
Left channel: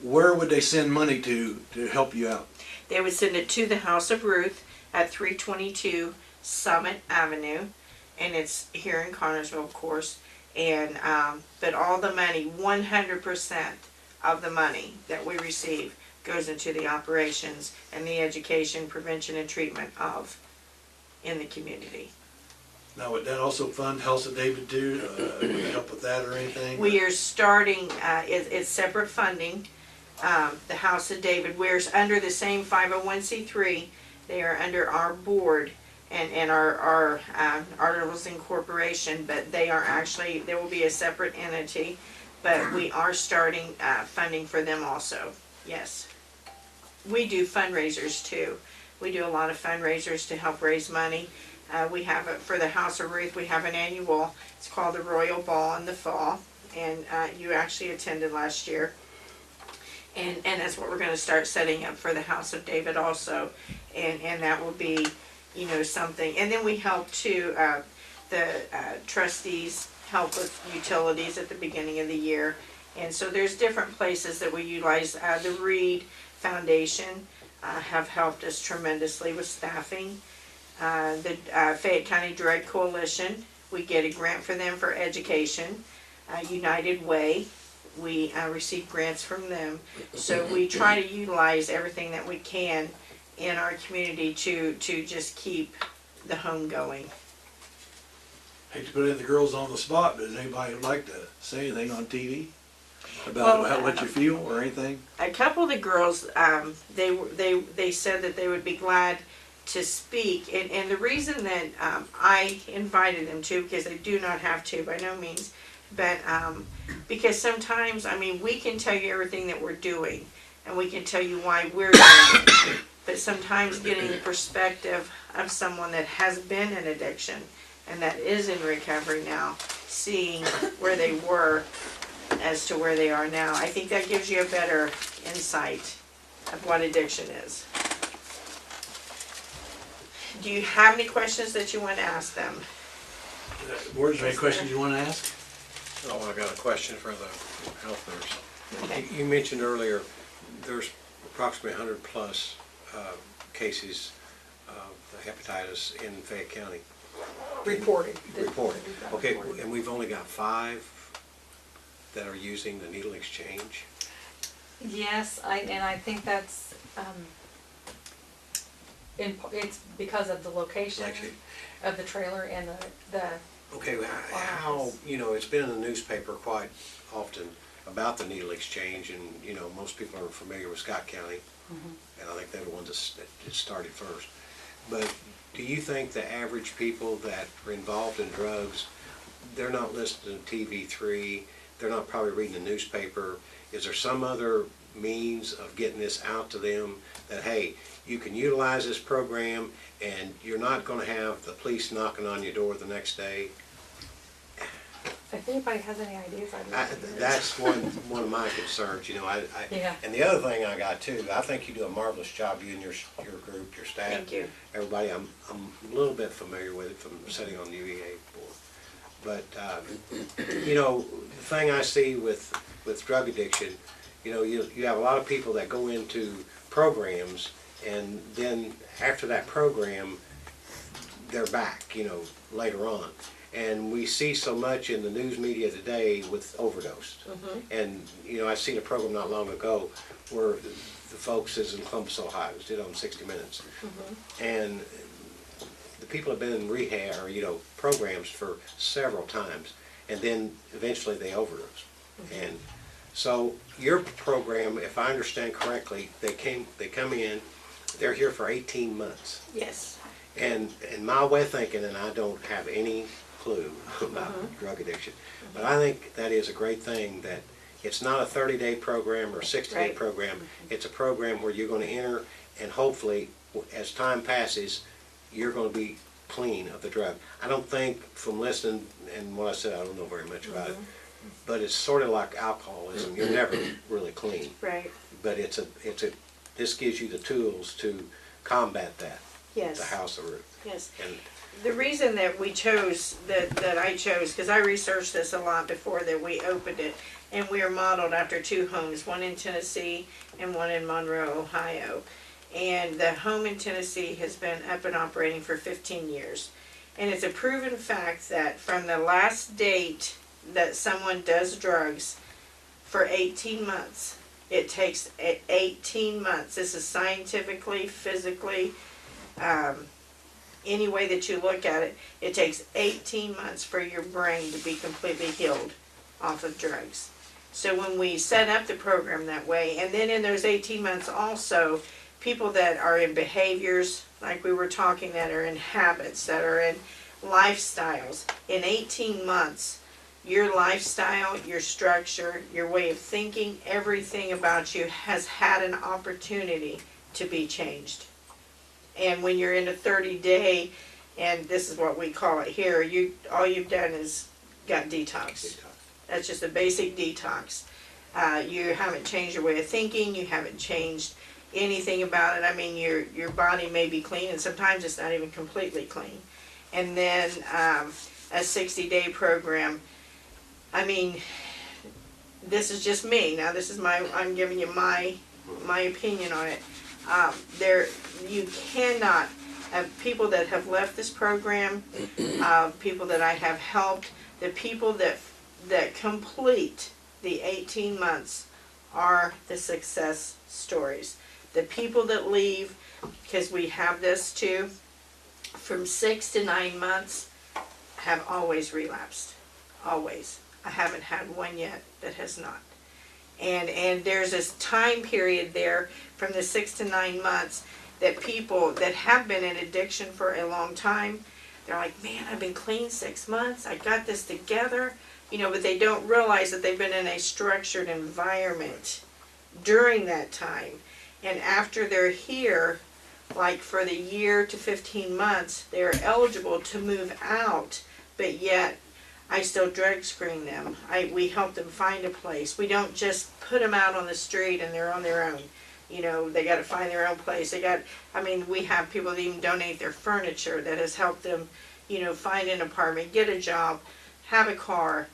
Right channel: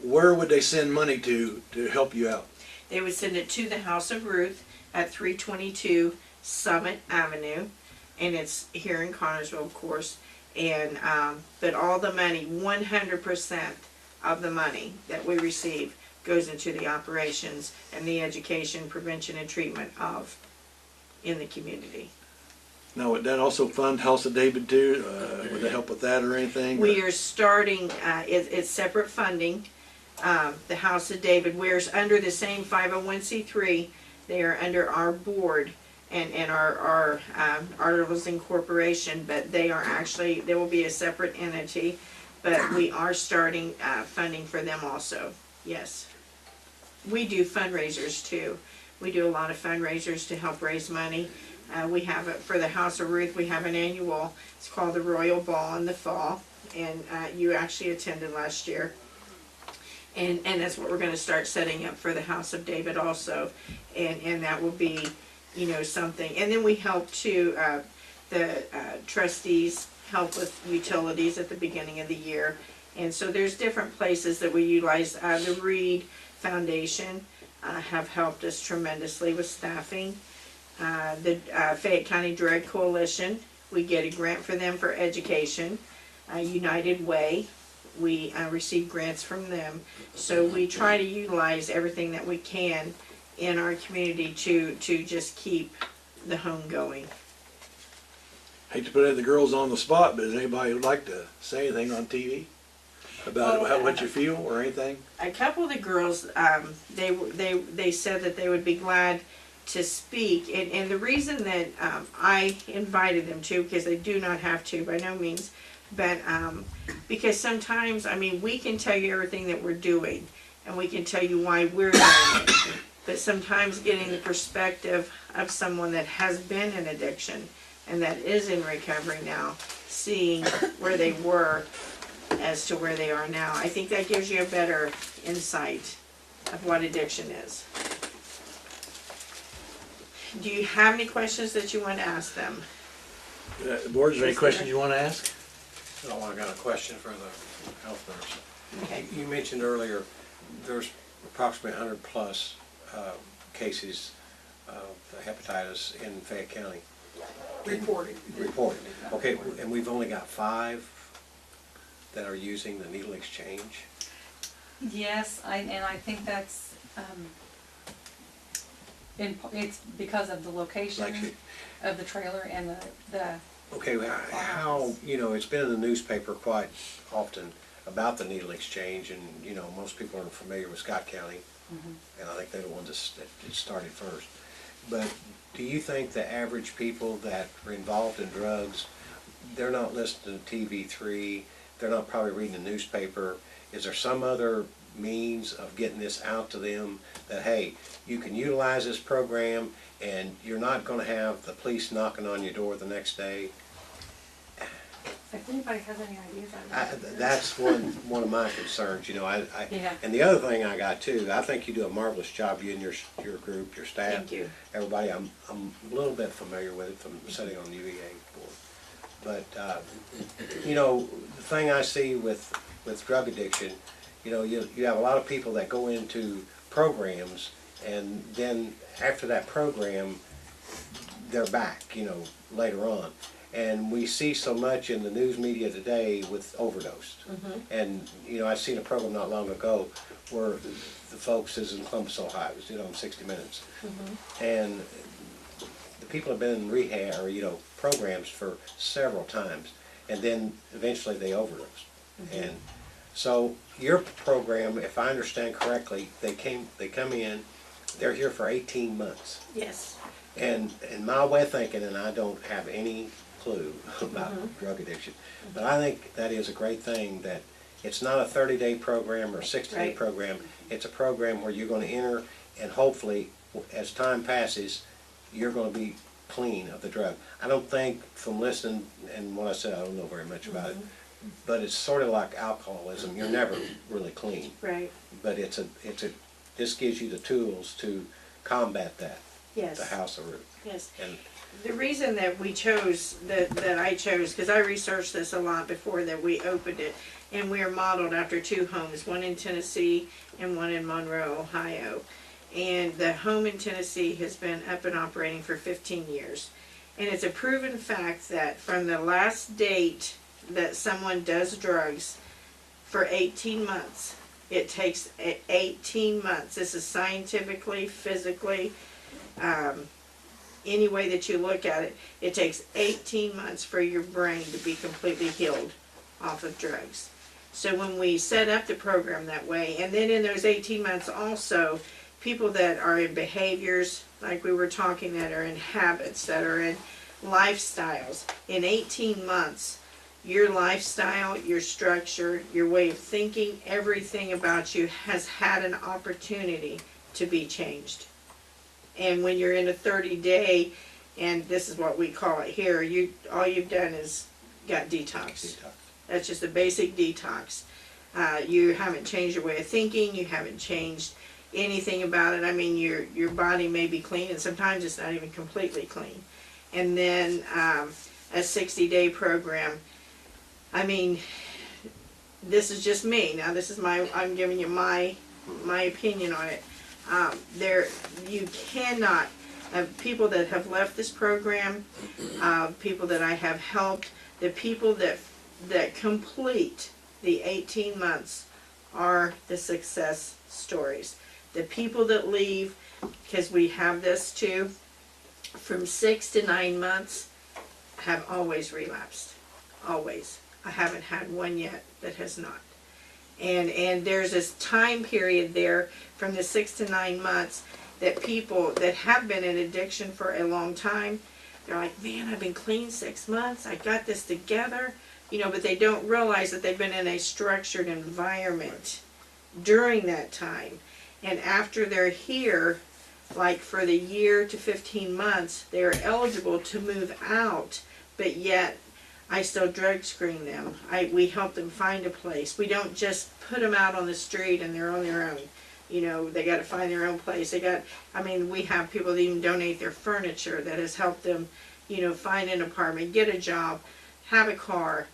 where would they send money to help you out? They would send it to the House of Ruth at 322 Summit Avenue, and it's here in Connersville, of course. And but all the money, 100% of the money that we receive goes into the operations and the education, prevention, and treatment of in the community. Now, would that also fund House of David too? Would they help with that or anything? We are starting, it's separate funding. The House of David, we're under the same 501c3. They are under our board and our articles of incorporation, but they are actually, there will be a separate entity, but we are starting funding for them also, yes. We do fundraisers too. We do a lot of fundraisers to help raise money. We have it for the House of Ruth. We have an annual, it's called the Royal Ball in the fall, and you actually attended last year. And that's what we're going to start setting up for the House of David also, and that will be, you know, something. And then we help too. The trustees help with utilities at the beginning of the year, and so there's different places that we utilize. The Reed Foundation have helped us tremendously with staffing. The Fayette County Drug Coalition, we get a grant for them for education. United Way, we receive grants from them. So we try to utilize everything that we can in our community to just keep the home going. Hate to put the girls on the spot, but does anybody would like to say anything on TV about what you feel or anything? A couple of the girls, they said that they would be glad to speak, and the reason that I invited them to, because they do not have to by no means, but because sometimes, I mean, we can tell you everything that we're doing, and we can tell you why we're doing it, but sometimes getting the perspective of someone that has been in addiction and that is in recovery now, seeing where they were as to where they are now, I think that gives you a better insight of what addiction is. Do you have any questions that you want to ask them? Board, is there any questions you want to ask? Oh, I got a question for the health nurse. Okay. You mentioned earlier there's approximately 100 plus cases of the hepatitis in Fayette County. Reported. Reported. Okay, and we've only got 5 that are using the needle exchange. Yes, I think that's, it's because of the location Actually, of the trailer and the okay, how, you know, it's been in the newspaper quite often about the needle exchange, and, you know, most people are familiar with Scott County, and I think they're the ones that started first. But do you think the average people that are involved in drugs, they're not listening to TV3, they're not probably reading the newspaper? Is there some other means of getting this out to them that, hey, you can utilize this program and you're not going to have the police knocking on your door the next day? If anybody has any ideas, I'd love to hear. That's one of my concerns, you know. Yeah. And the other thing I got too, I think you do a marvelous job, you and your group, your staff. Thank you. Everybody, I'm a little bit familiar with it from sitting on the UEA board. But, you know, the thing I see with drug addiction, you know, you have a lot of people that go into programs, and then after that program, they're back, you know, later on. And we see so much in the news media today with overdosed. And, you know, I seen a program not long ago where the folks is in Columbus, Ohio, it was did on 60 Minutes. And the people have been in rehab or, you know, programs for several times, and then eventually they overdose. And so your program, if I understand correctly, they come in, they're here for 18 months. Yes. And in my way of thinking, and I don't have any clue about drug addiction, but I think that is a great thing, that it's not a 30-day program or a 60-day Right. program. It's a program where you're going to enter, and hopefully, as time passes, you're gonna be clean of the drug. I don't think, from listening and what I said, I don't know very much about it, but it's sort of like alcoholism. You're never really clean. Right. But this gives you the tools to combat that, Yes. the House of Ruth. Yes. And The reason that we chose, that I chose, because I researched this a lot before that we opened it, and we are modeled after 2 homes, one in Tennessee and one in Monroe, Ohio. And the home in Tennessee has been up and operating for 15 years. And it's a proven fact that from the last date that someone does drugs for 18 months, it takes 18 months. This is scientifically, physically, any way that you look at it, it takes 18 months for your brain to be completely healed off of drugs. So when we set up the program that way, and then in those 18 months also, people that are in behaviors, like we were talking, that are in habits, that are in lifestyles, in 18 months, your lifestyle, your structure, your way of thinking, everything about you has had an opportunity to be changed. And when you're in a 30-day, and this is what we call it here, all you've done is got detox. That's just a basic detox. You haven't changed your way of thinking. You haven't changed anything about it. I mean, your body may be clean, and sometimes it's not even completely clean. And then a 60-day program. I mean, this is just me. Now, this is I'm giving you my opinion on it. You cannot have people that have left this program, people that I have helped, the people that complete the 18 months are the success stories. The people that leave, because we have this too, from 6 to 9 months have always relapsed. Always. I haven't had one yet that has not. And there's this time period there from the 6 to 9 months that people that have been in addiction for a long time, they're like, man, I've been clean 6 months. I got this together. But they don't realize that they've been in a structured environment during that time. And after they're here, like for the year to 15 months, they're eligible to move out, but yet I still drug screen them. We help them find a place. We don't just put them out on the street and they're on their own. They got to find their own place. We have people that even donate their furniture that has helped them, find an apartment, get a job, have a car.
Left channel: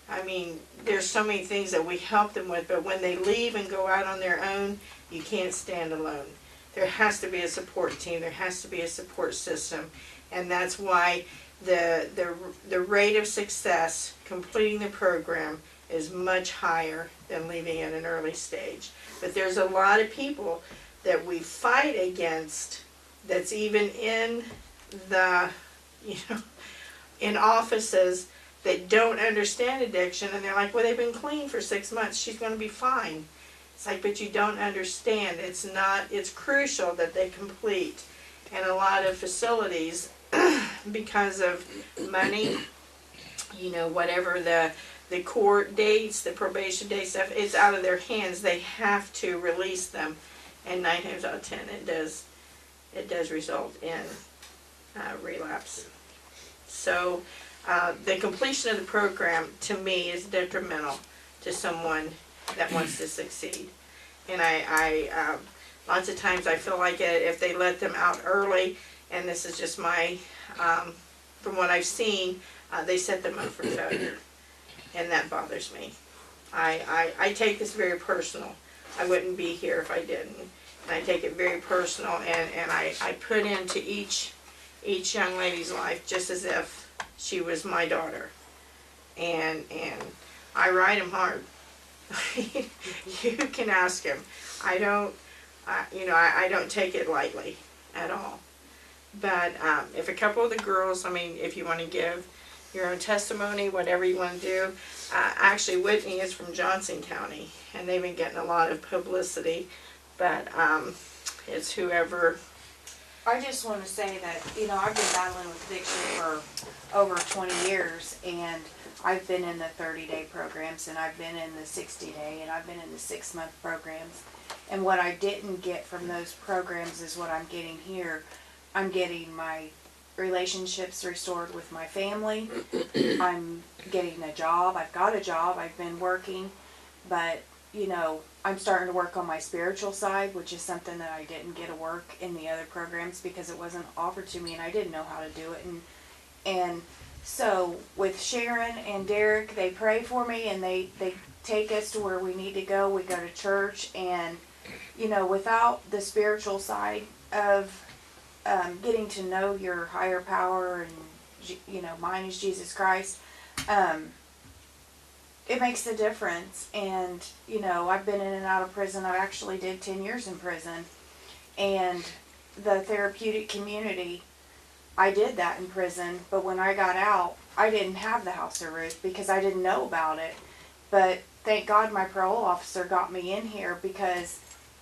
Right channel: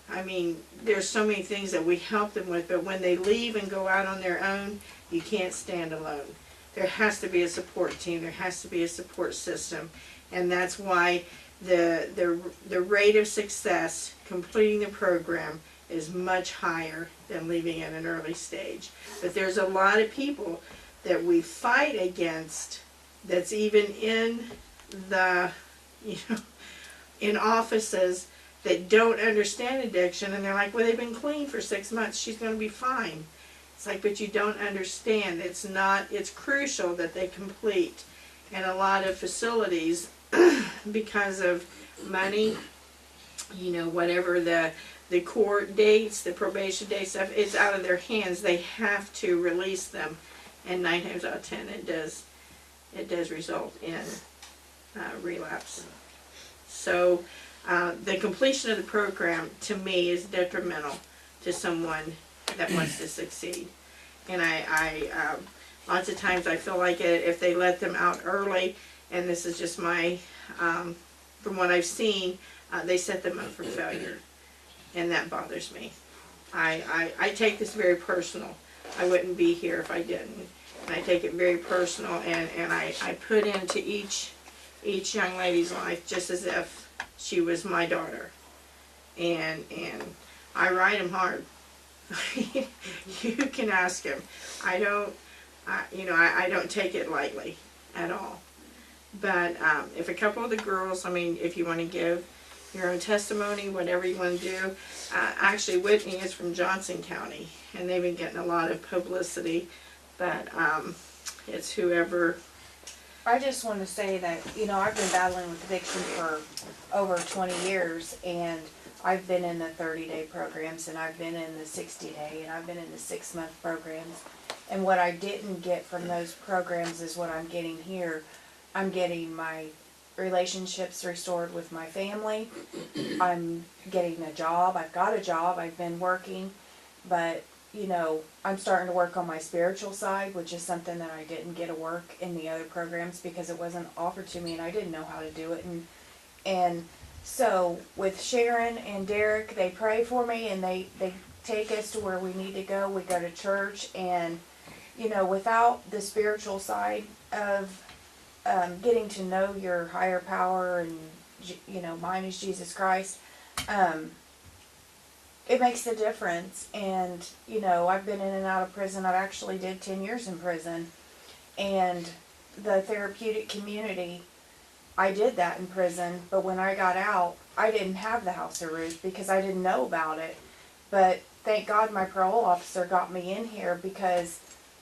There's so many things that we help them with, but when they leave and go out on their own, you can't stand alone. There has to be a support team. There has to be a support system. And that's why the rate of success completing the program is much higher than leaving at an early stage. But there's a lot of people that we fight against that's even in the, in offices that don't understand addiction, and they're like, well, they've been clean for 6 months, she's going to be fine. It's like, but you don't understand. It's crucial that they complete. And a lot of facilities, because of money, whatever the court dates, the probation dates, stuff, it's out of their hands. They have to release them. And 9 times out of 10, it does result in relapse. So the completion of the program, to me, is detrimental to someone that wants to succeed. And I lots of times I feel like if they let them out early, and this is just my, from what I've seen, they set them up for failure. And that bothers me. I take this very personal. I wouldn't be here if I didn't. And I take it very personal, and I put into each young lady's life just as if she was my daughter. And I ride them hard. You can ask him. I don't take it lightly at all. But if a couple of the girls, if you want to give your own testimony, whatever you want to do. Actually, Whitney is from Johnson County, and they've been getting a lot of publicity, but it's whoever. I just want to say that, I've been battling with addiction for over 20 years, and I've been in the 30-day programs, and I've been in the 60-day, and I've been in the 6-month programs. And what I didn't get from those programs is what I'm getting here. I'm getting my relationships restored with my family. I'm getting a job. I've got a job. I've been working, but you know, I'm starting to work on my spiritual side, which is something that I didn't get to work in the other programs because it wasn't offered to me and I didn't know how to do it. And so with Sharon and Derek, they pray for me and they take us to where we need to go. We go to church, and you know, without the spiritual side of getting to know your higher power, and you know, mine is Jesus Christ, it makes a difference. And you know, I've been in and out of prison. I've actually did 10 years in prison, and the therapeutic community, I did that in prison. But when I got out, I didn't have the House of Ruth because I didn't know about it. But thank God my parole officer got me in here, because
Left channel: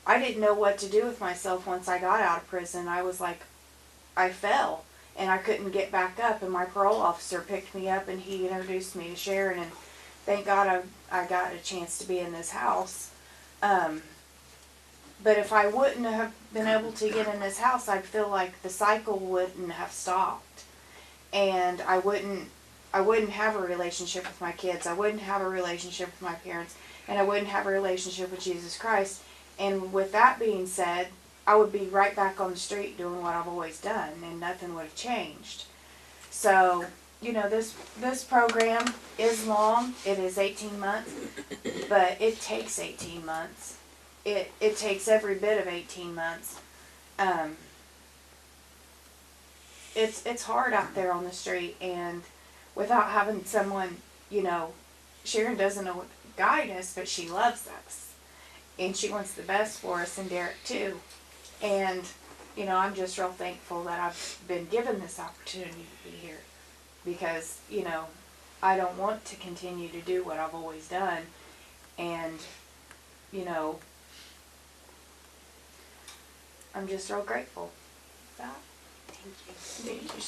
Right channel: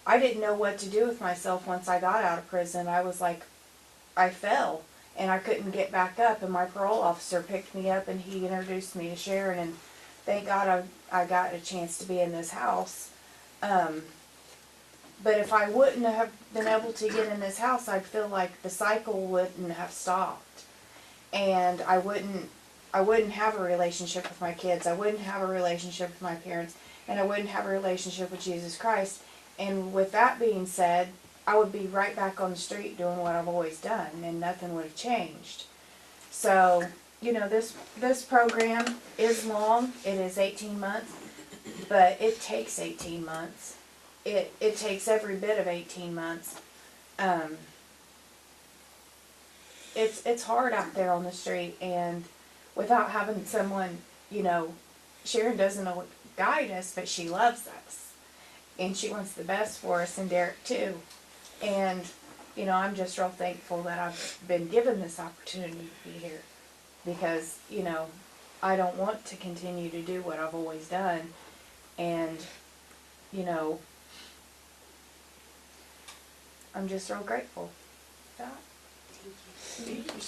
I didn't know what to do with myself once I got out of prison. I was like, I fell and I couldn't get back up, and my parole officer picked me up and he introduced me to Sharon, and thank God I got a chance to be in this house. But if I wouldn't have been able to get in this house, I'd feel like the cycle wouldn't have stopped, and I wouldn't have a relationship with my kids. I wouldn't have a relationship with my parents, and I wouldn't have a relationship with Jesus Christ. And with that being said, I would be right back on the street doing what I've always done, and nothing would have changed. So, you know, this program is long. It is 18 months, but it takes 18 months. It takes every bit of 18 months. It's hard out there on the street, and without having someone, you know, Sharon doesn't know what to guide us, but she loves us, and she wants the best for us, and Derek too. And you know, I'm just real thankful that I've been given this opportunity to be here, because you know, I don't want to continue to do what I've always done, and you know, I'm just real grateful for that.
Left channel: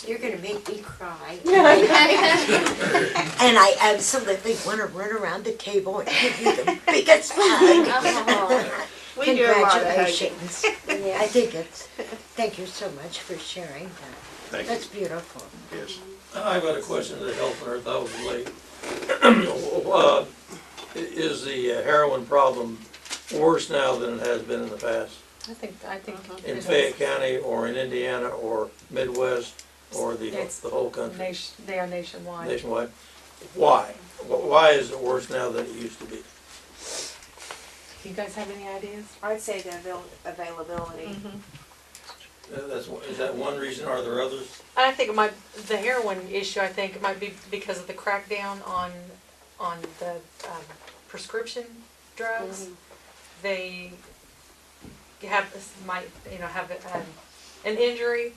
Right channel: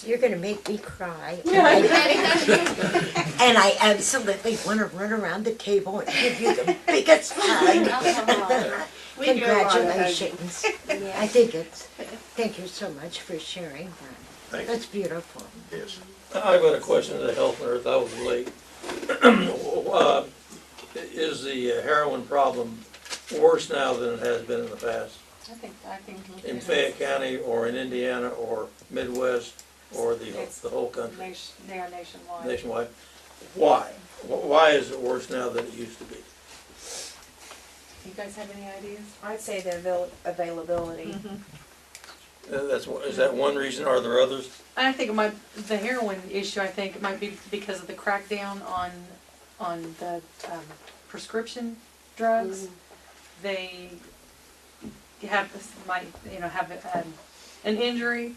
You're going to make me cry. And I absolutely want to run around the table and give you the biggest hug. We do a lot of Congratulations. I think thank you so much for sharing that. Thank you. That's beautiful. Yes. I've got a question to Health and Earth. I was late. Is the heroin problem worse now than it has been in the past? I think. In Fayette County or in Indiana or Midwest or the whole country? They are nationwide. Nationwide. Why? Why is it worse now than it used to be? Do you guys have any ideas? I'd say the availability. Is that one reason, or are there others? I think the heroin issue, I think it might be because of the crackdown on the prescription drugs. They might have an injury,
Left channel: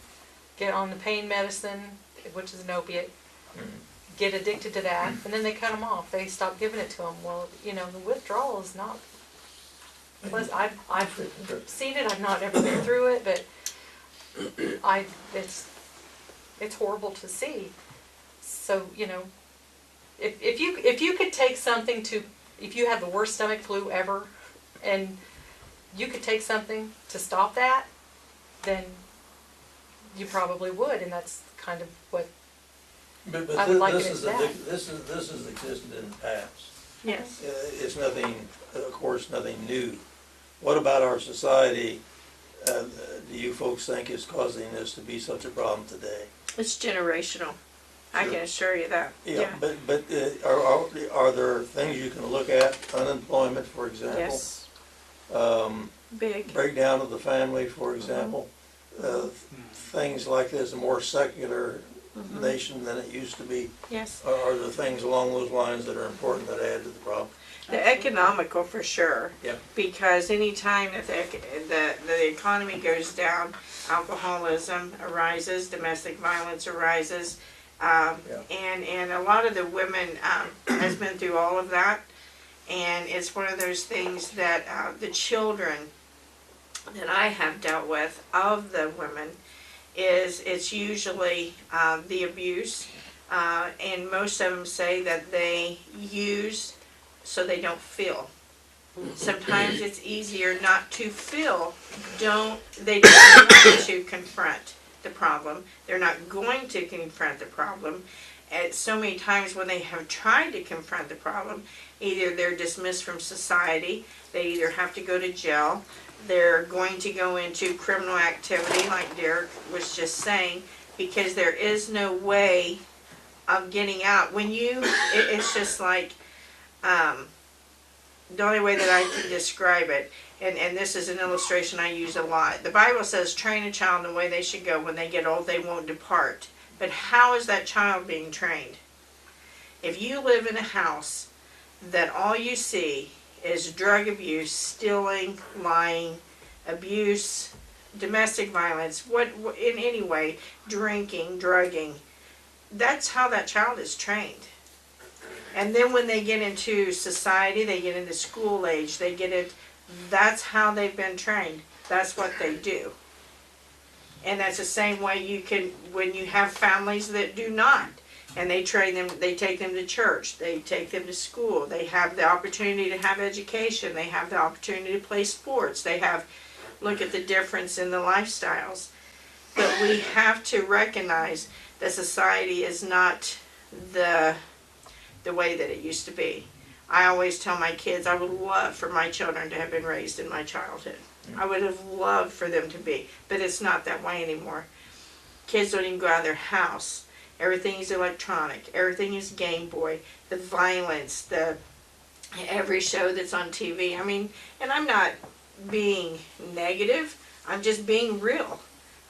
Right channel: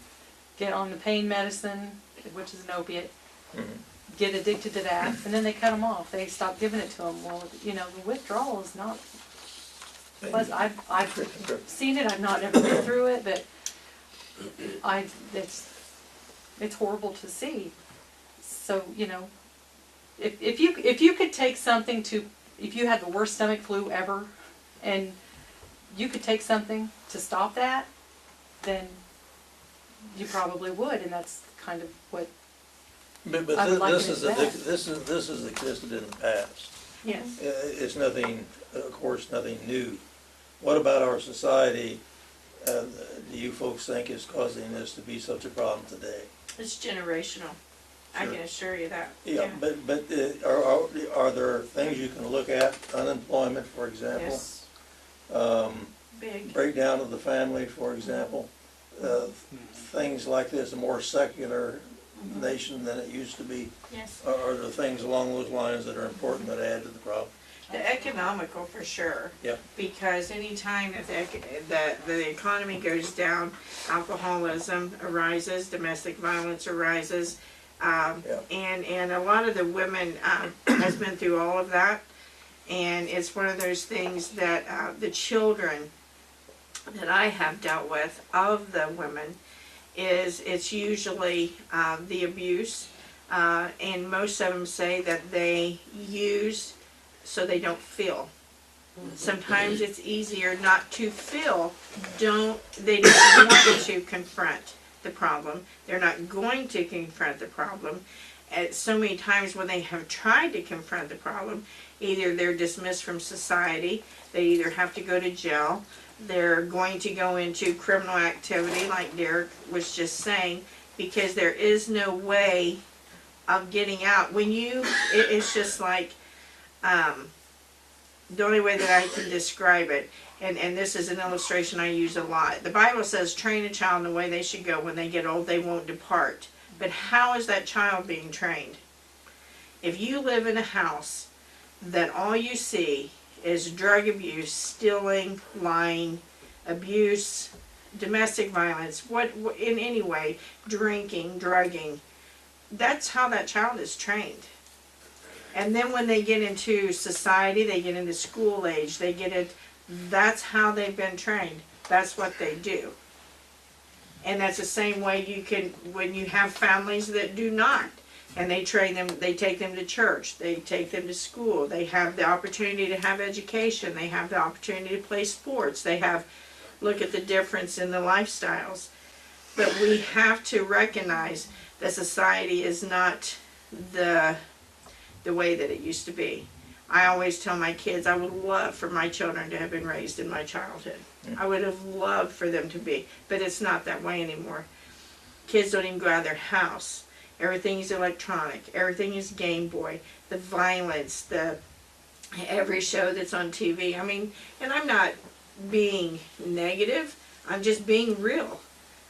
get on the pain medicine, which is an opiate, get addicted to that, and then they cut them off. They stop giving it to them. Well, you know, the withdrawal is not. Plus, I've seen it. I've not ever been through it, but it's horrible to see. So you know, if you could take something if you have the worst stomach flu ever, and you could take something to stop that, then you probably would, and that's kind of what But I would like it this as is that. this has existed in the past. Yes. It's nothing, of course, nothing new. What about our society? Do you folks think is causing this to be such a problem today? It's generational. I Sure. can assure you that. Yeah, but are there things you can look at? Unemployment, for example. Yes. Big. Breakdown of the family, for example. Things like this, a more secular nation than it used to be. Yes. Are there things along those lines that are important that add to the problem? The economical for sure. Yep. Because any time that the economy goes down, alcoholism arises, domestic violence arises, and a lot of the women has been through all of that, and it's one of those things that the children that I have dealt with of the women it's usually the abuse, and most of them say that they use so they don't feel. Sometimes it's easier not to feel. They don't want to confront the problem. They're not going to confront the problem. And so many times when they have tried to confront the problem, either they're dismissed from society, they either have to go to jail, they're going to go into criminal activity, like Derek was just saying, because there is no way of getting out. When it's just like, the only way that I can describe it, and this is an illustration I use a lot. The Bible says, train a child in the way they should go. When they get old, they won't depart. But how is that child being trained? If you live in a house that all you see is drug abuse, stealing, lying, abuse, domestic violence, what in any way, drinking, drugging, that's how that child is trained. And then when they get into society, they get into school age, that's how they've been trained. That's what they do. And that's the same way when you have families that do not, and they train them, they take them to church, they take them to school, they have the opportunity to have education, they have the opportunity to play sports, look at the difference in the lifestyles. But we have to recognize that society is not the way that it used to be. I always tell my kids I would love for my children to have been raised in my childhood. I would have loved for them to be, but it's not that way anymore. Kids don't even go out of their house. Everything is electronic. Everything is Game Boy. The violence, every show that's on TV. I mean, and I'm not being negative. I'm just being real.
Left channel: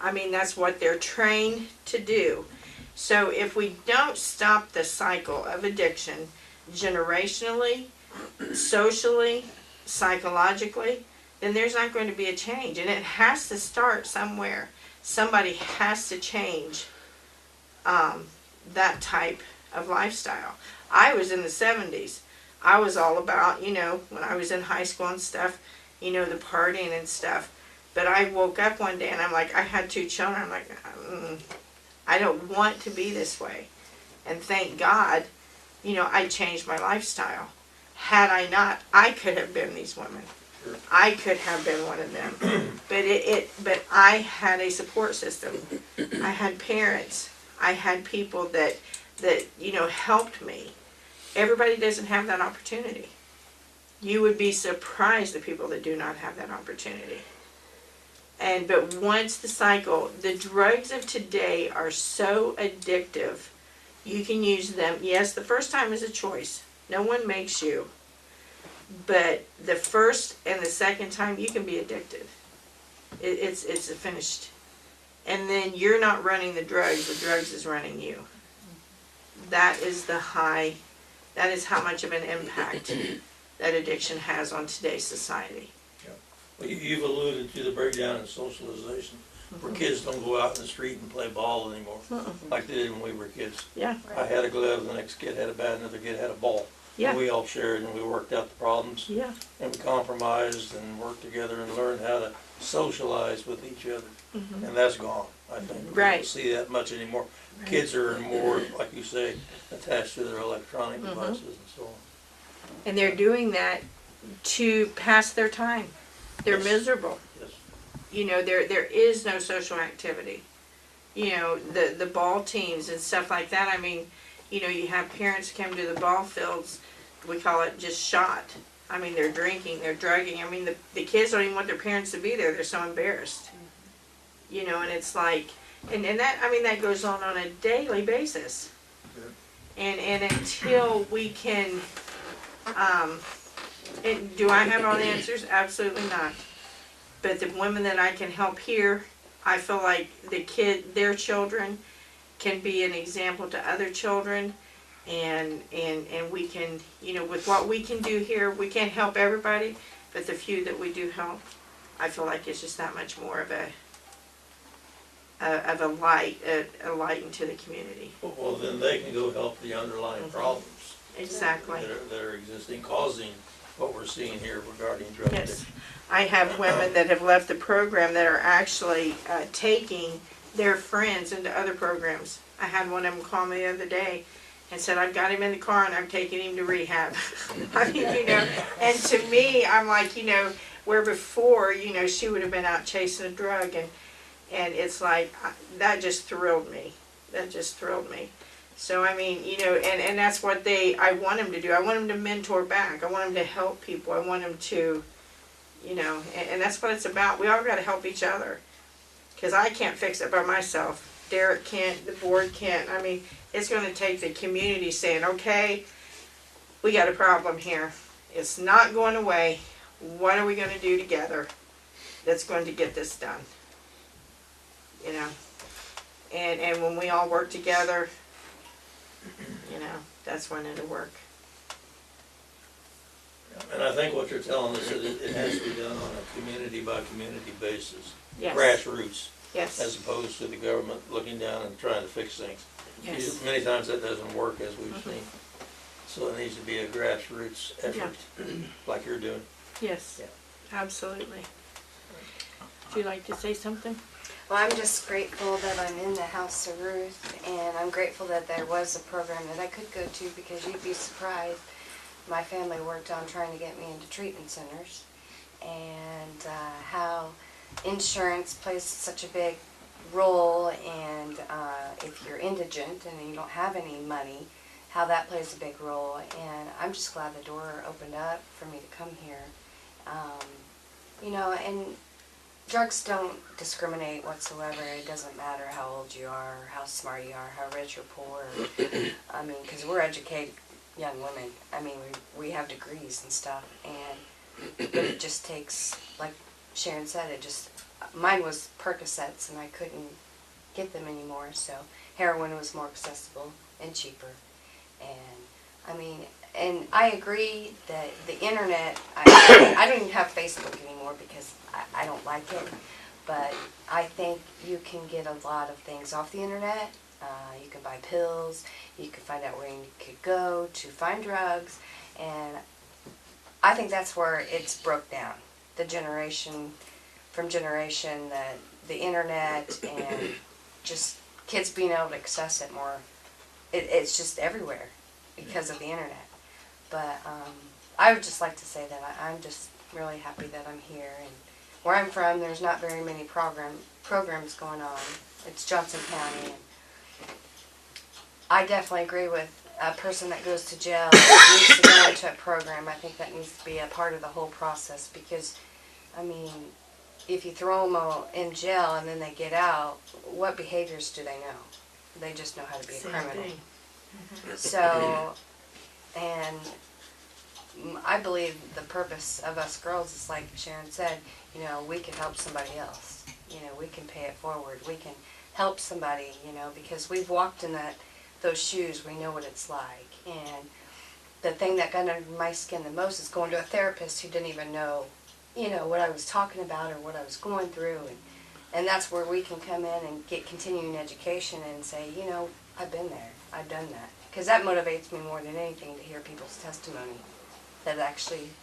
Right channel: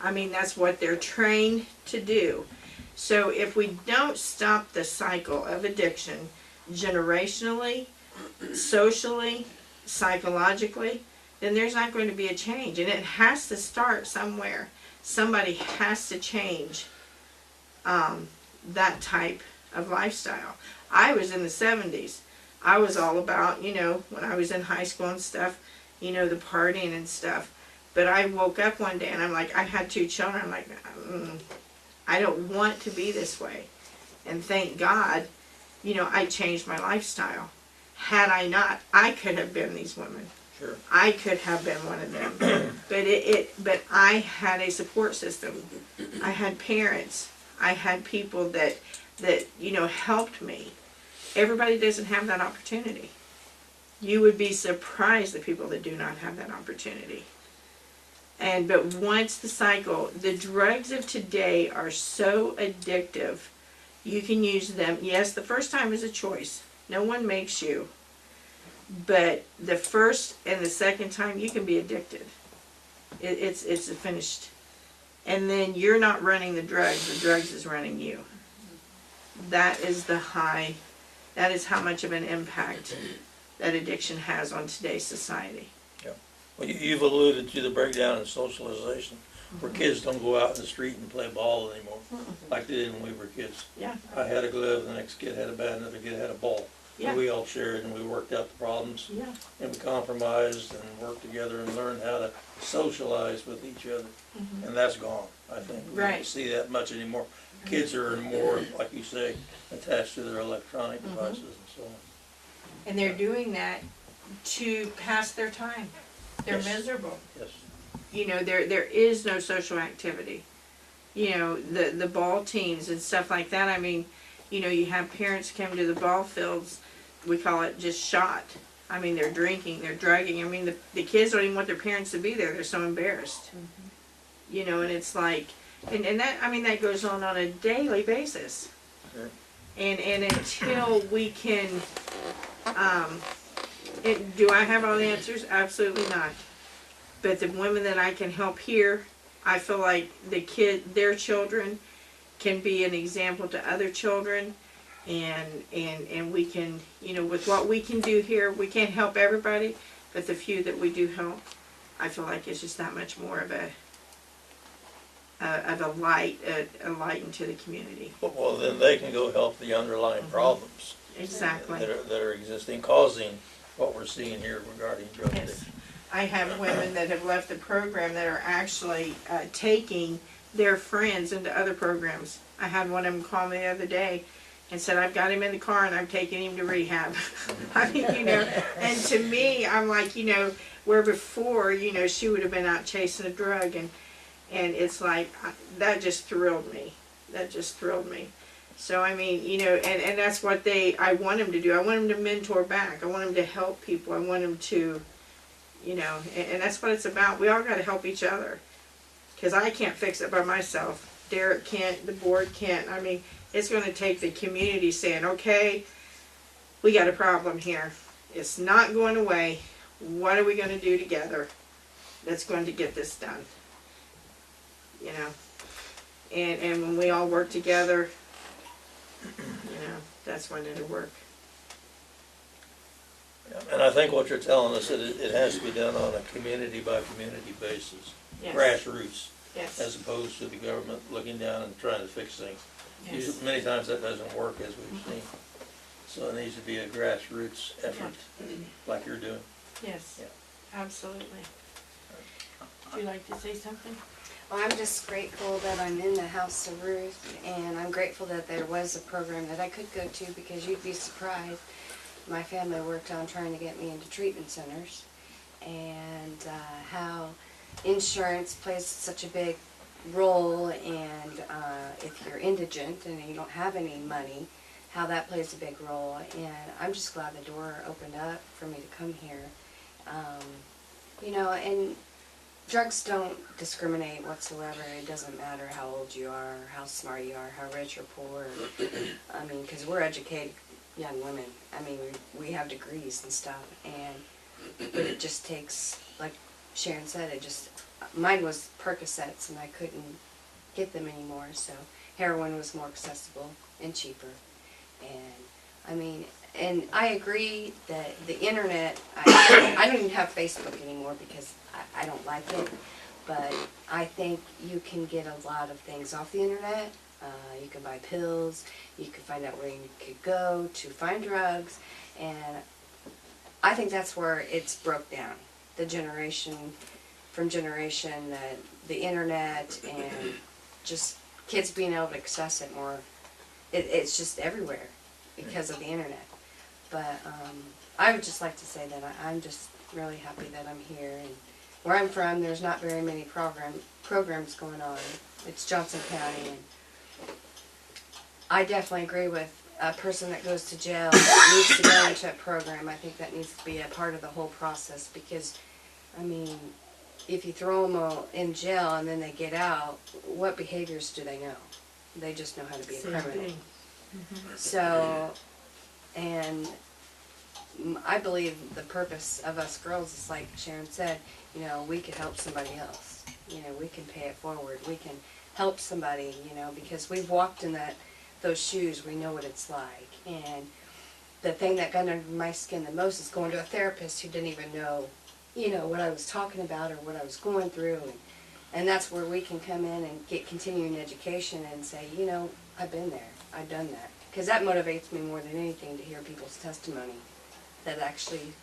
I mean, that's what they're trained to do. So if we don't stop the cycle of addiction generationally, socially, psychologically, then there's not going to be a change. And it has to start somewhere. Somebody has to change that type of lifestyle. I was in the 70s. I was all about, when I was in high school and stuff, the partying and stuff. But I woke up one day and I'm like, I had 2 children. I'm like, I don't want to be this way. And thank God, I changed my lifestyle. Had I not, I could have been these women. I could have been one of them. But I had a support system. I had parents. I had people that helped me. Everybody doesn't have that opportunity. You would be surprised the people that do not have that opportunity. But once the cycle, the drugs of today are so addictive, you can use them. Yes, the first time is a choice. No one makes you. But the first and the second time, you can be addicted. It's finished. And then you're not running the drugs is running you. That is that is how much of an impact that addiction has on today's society. Well, you've alluded to the breakdown in socialization, where kids don't go out in the street and play ball anymore, like they did when we were kids. Yeah. I had a glove, the next kid had a bat, another kid had a ball. Yeah. And we all shared and we worked out the problems. Yeah. And we compromised and worked together and learned how to socialize with each other. And that's gone, I think. We Right. don't see that much anymore. Kids are more, like you say, attached to their electronic devices and so on. And they're doing that to pass their time. They're Yes. miserable. Yes. There is no social activity. The ball teams and stuff like that. I mean, you have parents come to the ball fields. We call it just shot. I mean, they're drinking, they're drugging. I mean, the kids don't even want their parents to be there. They're so embarrassed. And it's like, and that, I mean, that goes on a daily basis. Yeah. And until we can, do I have all the answers? Absolutely not. But the women that I can help here, I feel like their children can be an example to other children, and we can, with what we can do here, we can't help everybody, but the few that we do help, I feel like it's just that much more of a light into the community. Well, then they can go help the underlying problems. Exactly. That are existing, causing what we're seeing here regarding drug Yes. addiction. I have women that have left the program that are actually taking their friends into other programs. I had one of them call me the other day and said, I've got him in the car and I'm taking him to rehab. I mean, and to me, I'm like, where before, she would have been out chasing a drug, and And it's like, that just thrilled me. That just thrilled me. So, I mean, you know, and that's what I want them to do. I want them to mentor back. I want them to help people. I want them to, you know, and that's what it's about. We all got to help each other. Because I can't fix it by myself. Derek can't, the board can't. I mean, it's going to take the community saying, okay, we got a problem here. It's not going away. What are we going to do together that's going to get this done? You know, and when we all work together, you know, that's when it'll work. And I think what you're telling us is it has to be done on a community by community basis, Yes. grassroots, Yes. as opposed to the government looking down and trying to fix things. Yes. Many times that doesn't work, as we've seen. So it needs to be a grassroots effort, like you're doing. Yes. Yeah. Absolutely. Would you like to say something? Well, I'm just grateful that I'm in the House of Ruth, and I'm grateful that there was a program that I could go to, because you'd be surprised. My family worked on trying to get me into treatment centers, and how insurance plays such a big role, and if you're indigent and you don't have any money, how that plays a big role. And I'm just glad the door opened up for me to come here. You know, and drugs don't discriminate whatsoever. It doesn't matter how old you are, how smart you are, how rich or poor. I mean, because we're educated young women. I mean, we have degrees and stuff, but it just takes, like Sharon said, mine was Percocets, and I couldn't get them anymore, so heroin was more accessible and cheaper. And I mean, and I agree that the internet, I don't even have Facebook anymore because I don't like it, but I think you can get a lot of things off the internet. You can buy pills, you can find out where you could go to find drugs, and I think that's where it's broke down. The generation from generation, the internet, and just kids being able to access it more. It's just everywhere because of the internet. But I would just like to say that I'm just really happy that I'm here. And where I'm from, there's not very many programs going on. It's Johnson County, and I definitely agree with a person that goes to jail needs to go into a program. I think that needs to be a part of the whole process, because, I mean, if you throw them all in jail and then they get out, what behaviors do they know? They just know how to be a criminal. So, and I believe the purpose of us girls is, like Sharon said, you know, we can help somebody else. You know, we can pay it forward. We can help somebody, you know, because we've walked in those shoes. We know what it's like. And the thing that got under my skin the most is going to a therapist who didn't even know, you know, what I was talking about or what I was going through. And that's where we can come in and get continuing education and say, you know, I've been there. I've done that. Because that motivates me more than anything, to hear people's testimony that actually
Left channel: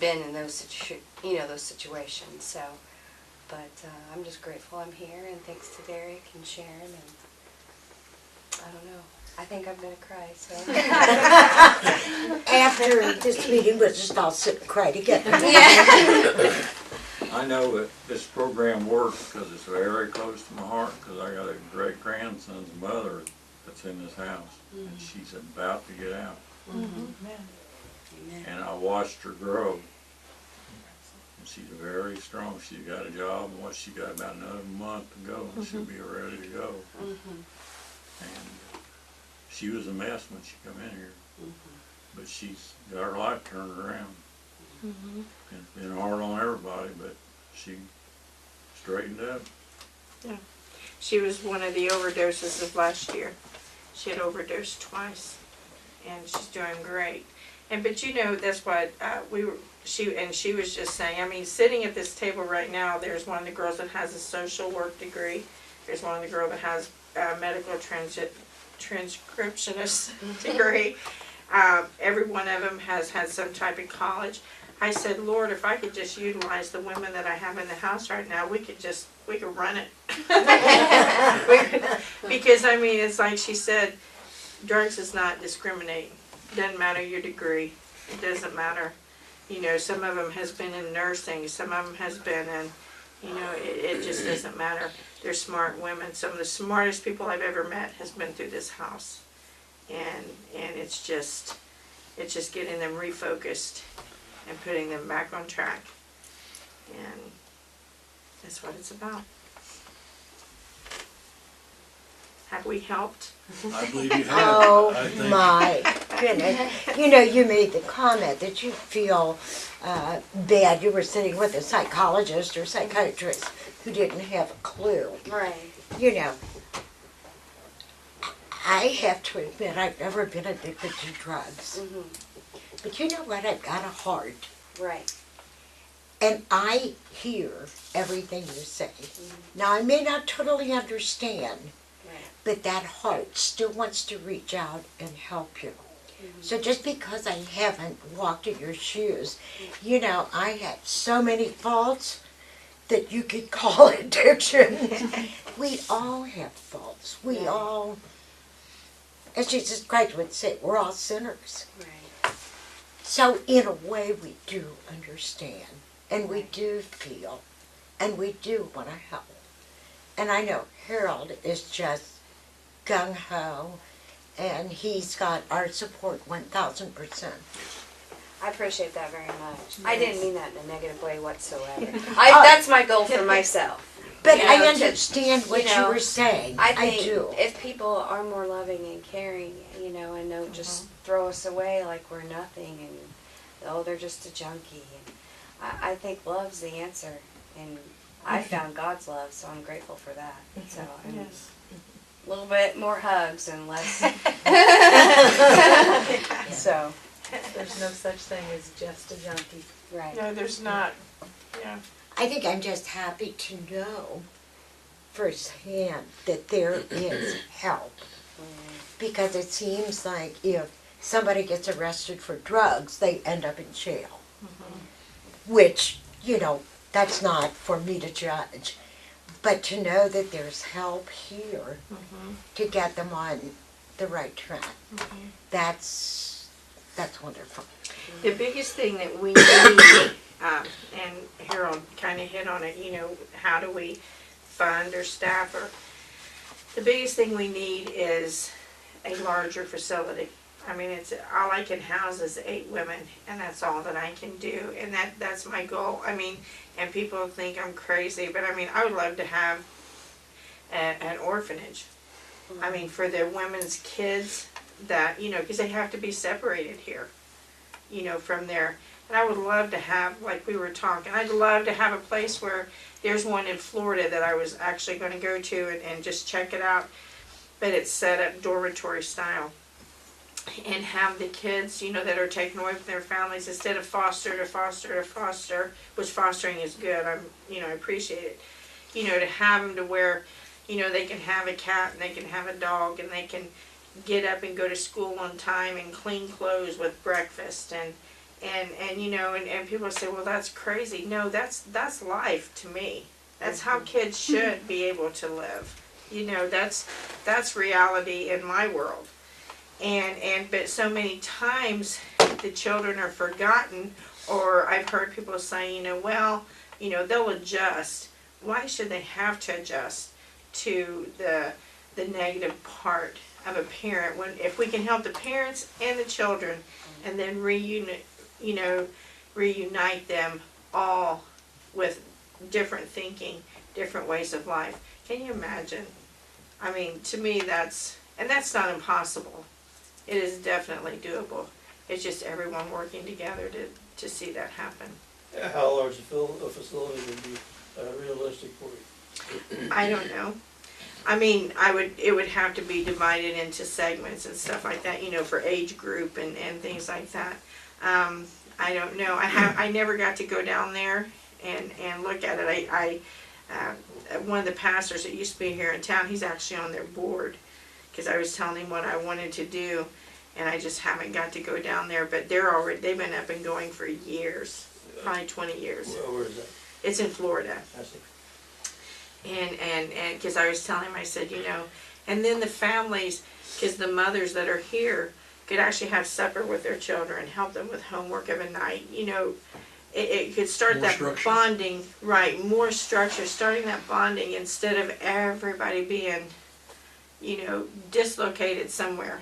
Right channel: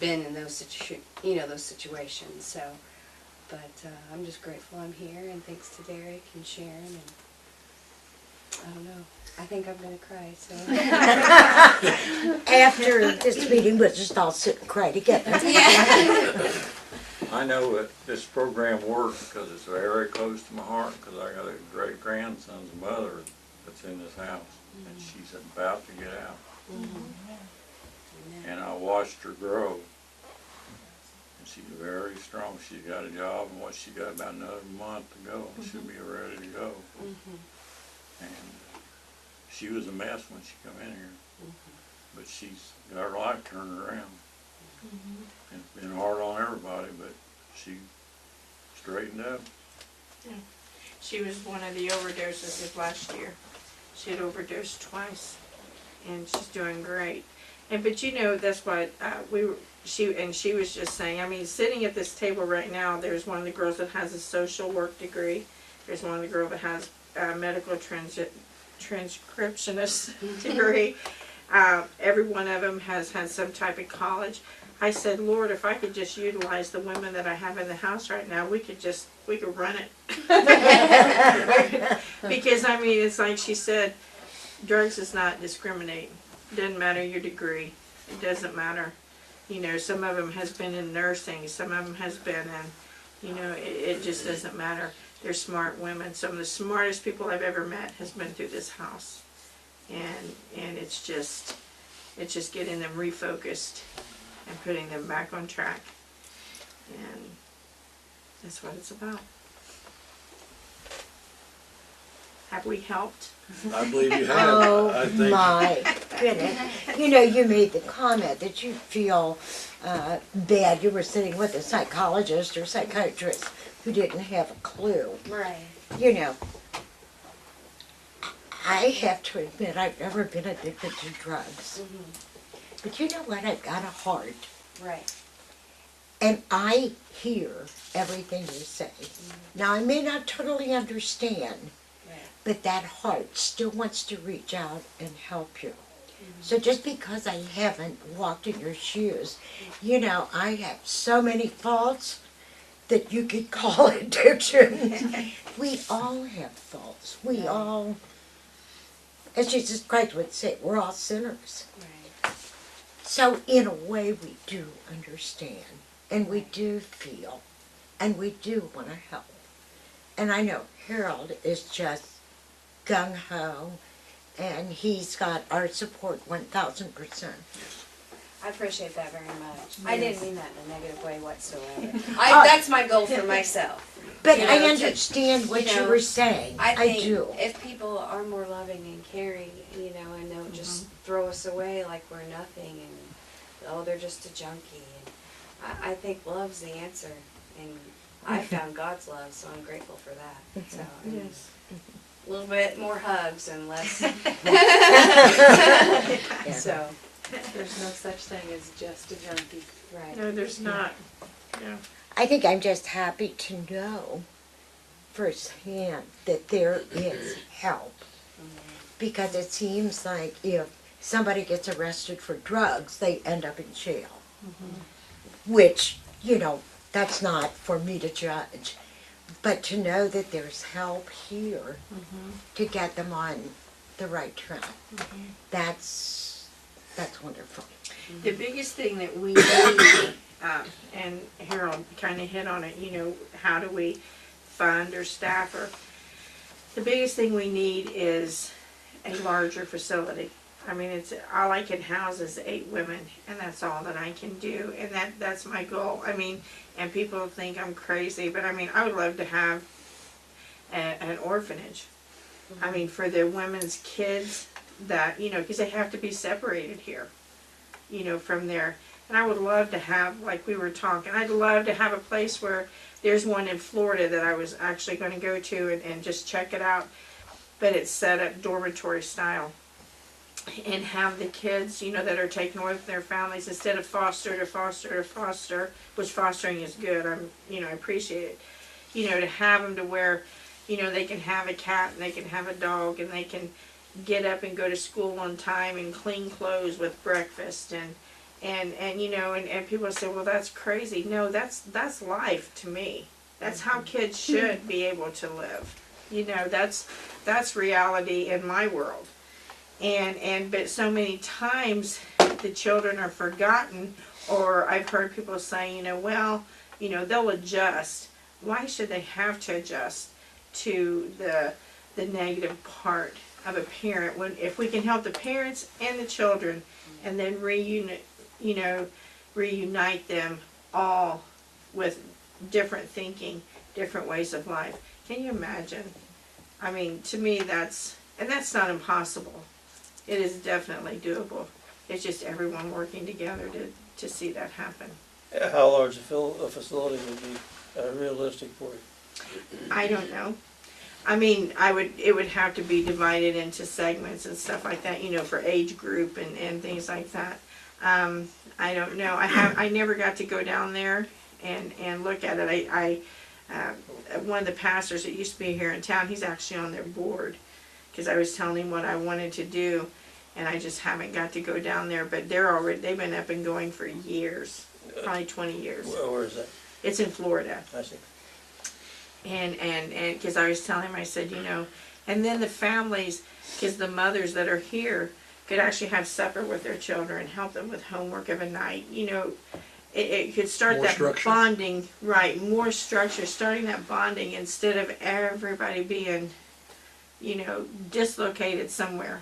been in those situations. So, but I'm just grateful I'm here, and thanks to Derek and Sharon, and I don't know. I think I'm gonna cry. So After this meeting, we'll just all sit and cry together. I know that this program works because it's very close to my heart, because I got a great grandson's mother that's in this house, and she's about to get out. And I watched her grow, and she's very strong. She's got a job, and what, she got about another month to go, and she'll be ready to go. And she was a mess when she come in here, but she's got her life turned around. And it's been hard on everybody, but she straightened up. Yeah. She was one of the overdoses of last year. She had overdosed twice, and she's doing great. And but you know, that's what she was just saying. I mean, sitting at this table right now, there's one of the girls that has a social work degree. There's one of the girls that has a medical transcriptionist degree. Every one of them has had some type of college. I said, Lord, if I could just utilize the women that I have in the house right now, we could run it. Because I mean, it's like she said, drugs is not discriminating. Doesn't matter your degree. It doesn't matter. You know, some of them has been in nursing. Some of them has been in, you know, it just doesn't matter. They're smart women. Some of the smartest people I've ever met has been through this house. And it's just getting them refocused and putting them back on track. And that's what it's about. Have we helped? I believe you have. Oh, I think my goodness. You know, you made the comment that you feel bad. You were sitting with a psychologist or psychiatrist who didn't have a clue. Right. You know, I have to admit I've never been addicted to drugs. But you know what? I've got a heart. Right. And I hear everything you say. Now, I may not totally understand, but that heart still wants to reach out and help you. So just because I haven't walked in your shoes, you know, I have so many faults that you could call addiction. We all have faults. We all, as Jesus Christ would say, we're all sinners. Right. So in a way we do understand, and we do feel, and we do want to help. And I know Harold is just gung-ho, and he's got our support 1,000%. I appreciate that very much. I didn't mean that in a negative way whatsoever. Oh. That's my goal for myself. But You I know, understand what you you know, were saying. I think do. if people are more loving and caring, you know, and don't just throw us away like we're nothing and, oh, they're just a junkie. And I think love's the answer. And I found God's love, so I'm grateful for that. So, and Yes. a little bit more hugs and less. So, There's no such thing as just a junkie. right. No, there's not. Yeah. I think I'm just happy to know firsthand that there is help. Because it seems like if somebody gets arrested for drugs, they end up in jail. Which, you know, that's not for me to judge. But to know that there's help here to get them on the right track, that's wonderful. The biggest thing that we need, and Harold kind of hit on it, you know, how do we fund or staff her? The biggest thing we need is a larger facility. I mean, it's all I can house is 8 women, and that's all that I can do, and that's my goal. I mean, and people think I'm crazy, but I mean, I would love to have an orphanage. I mean, for the women's kids that, you know, because they have to be separated here, you know, from there. And I would love to have, like we were talking, I'd love to have a place where there's one in Florida that I was actually going to go to and just check it out, but it's set up dormitory style. And have the kids, you know, that are taken away from their families, instead of foster to foster to foster, which fostering is good, I appreciate it, you know, to have them to where, you know, they can have a cat and they can have a dog and they can get up and go to school on time and clean clothes with breakfast and you know, and people say, well, that's crazy. No, that's life to me. That's how kids should be able to live. You know, that's reality in my world. But so many times the children are forgotten, or I've heard people say, you know, well, you know, they'll adjust. Why should they have to adjust to the negative part of a parent when if we can help the parents and the children and then reunite them all with different thinking, different ways of life. Can you imagine? I mean, to me that's not impossible. It is definitely doable. It's just everyone working together to see that happen. How large a facility would be realistic for you? I don't know. I mean, it would have to be divided into segments and stuff like that, you know, for age group and things like that. I don't know. I never got to go down there and look at it. One of the pastors that used to be here in town, he's actually on their board, because I was telling him what I wanted to do, and I just haven't got to go down there. But they've been up and going for years, probably 20 years. Where is that? It's in Florida. I see. And because I was telling him, I said, you know, and then the families, because the mothers that are here could actually have supper with their children, help them with homework of a night, you know, it could start More that structure. bonding, right, more structure, starting that bonding instead of everybody being, dislocated somewhere,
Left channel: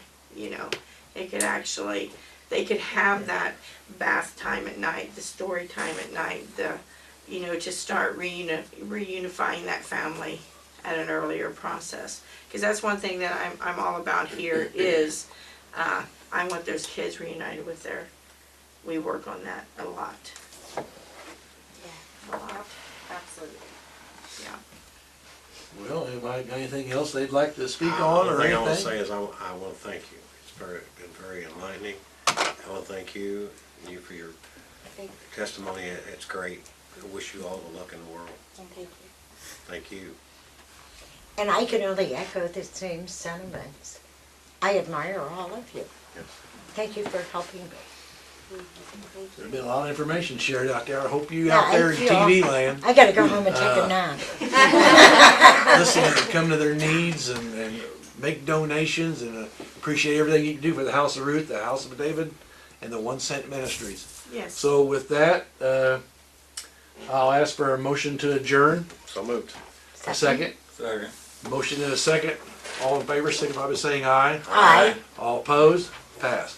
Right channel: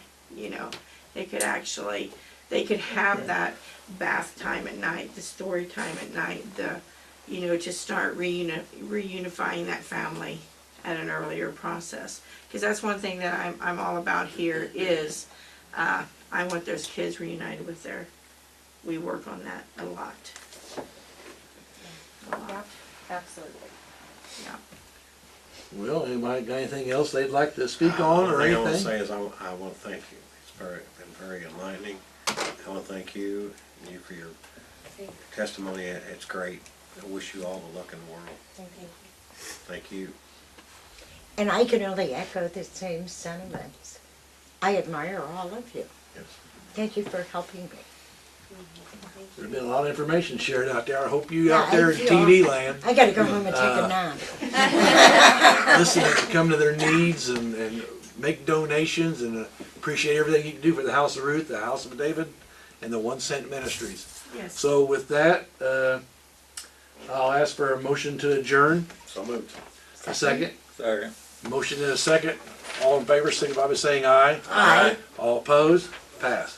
They could actually, they could have that bath time at night, the story time at night, to start reunifying that family at an earlier process. Because that's one thing that I'm all about here is, I want those kids reunited with we work on that a lot. A lot, Absolutely. yeah. Well, anybody got anything else they'd like to speak on One or thing I want to anything? say is I want to thank you. It's been very enlightening. I want to thank you and you for your Thank testimony. It's great. I wish you all the luck in the world. Thank you. Thank you. And I can only echo the same sentiments. I admire all of you. Yes. Thank you for helping me. There's been a lot of information shared out there. I hope you Yeah, out there I in feel- TD land I gotta go home and take a nap. listen and come to their needs and make donations and appreciate everything you can do for the House of Ruth, the House of David, and the 1 Cent Ministries. Yes. So with that, I'll ask for a motion to adjourn. So moved. A second. Second. Motion and a second. All in favor, signify by saying aye. Aye. All opposed? Passed.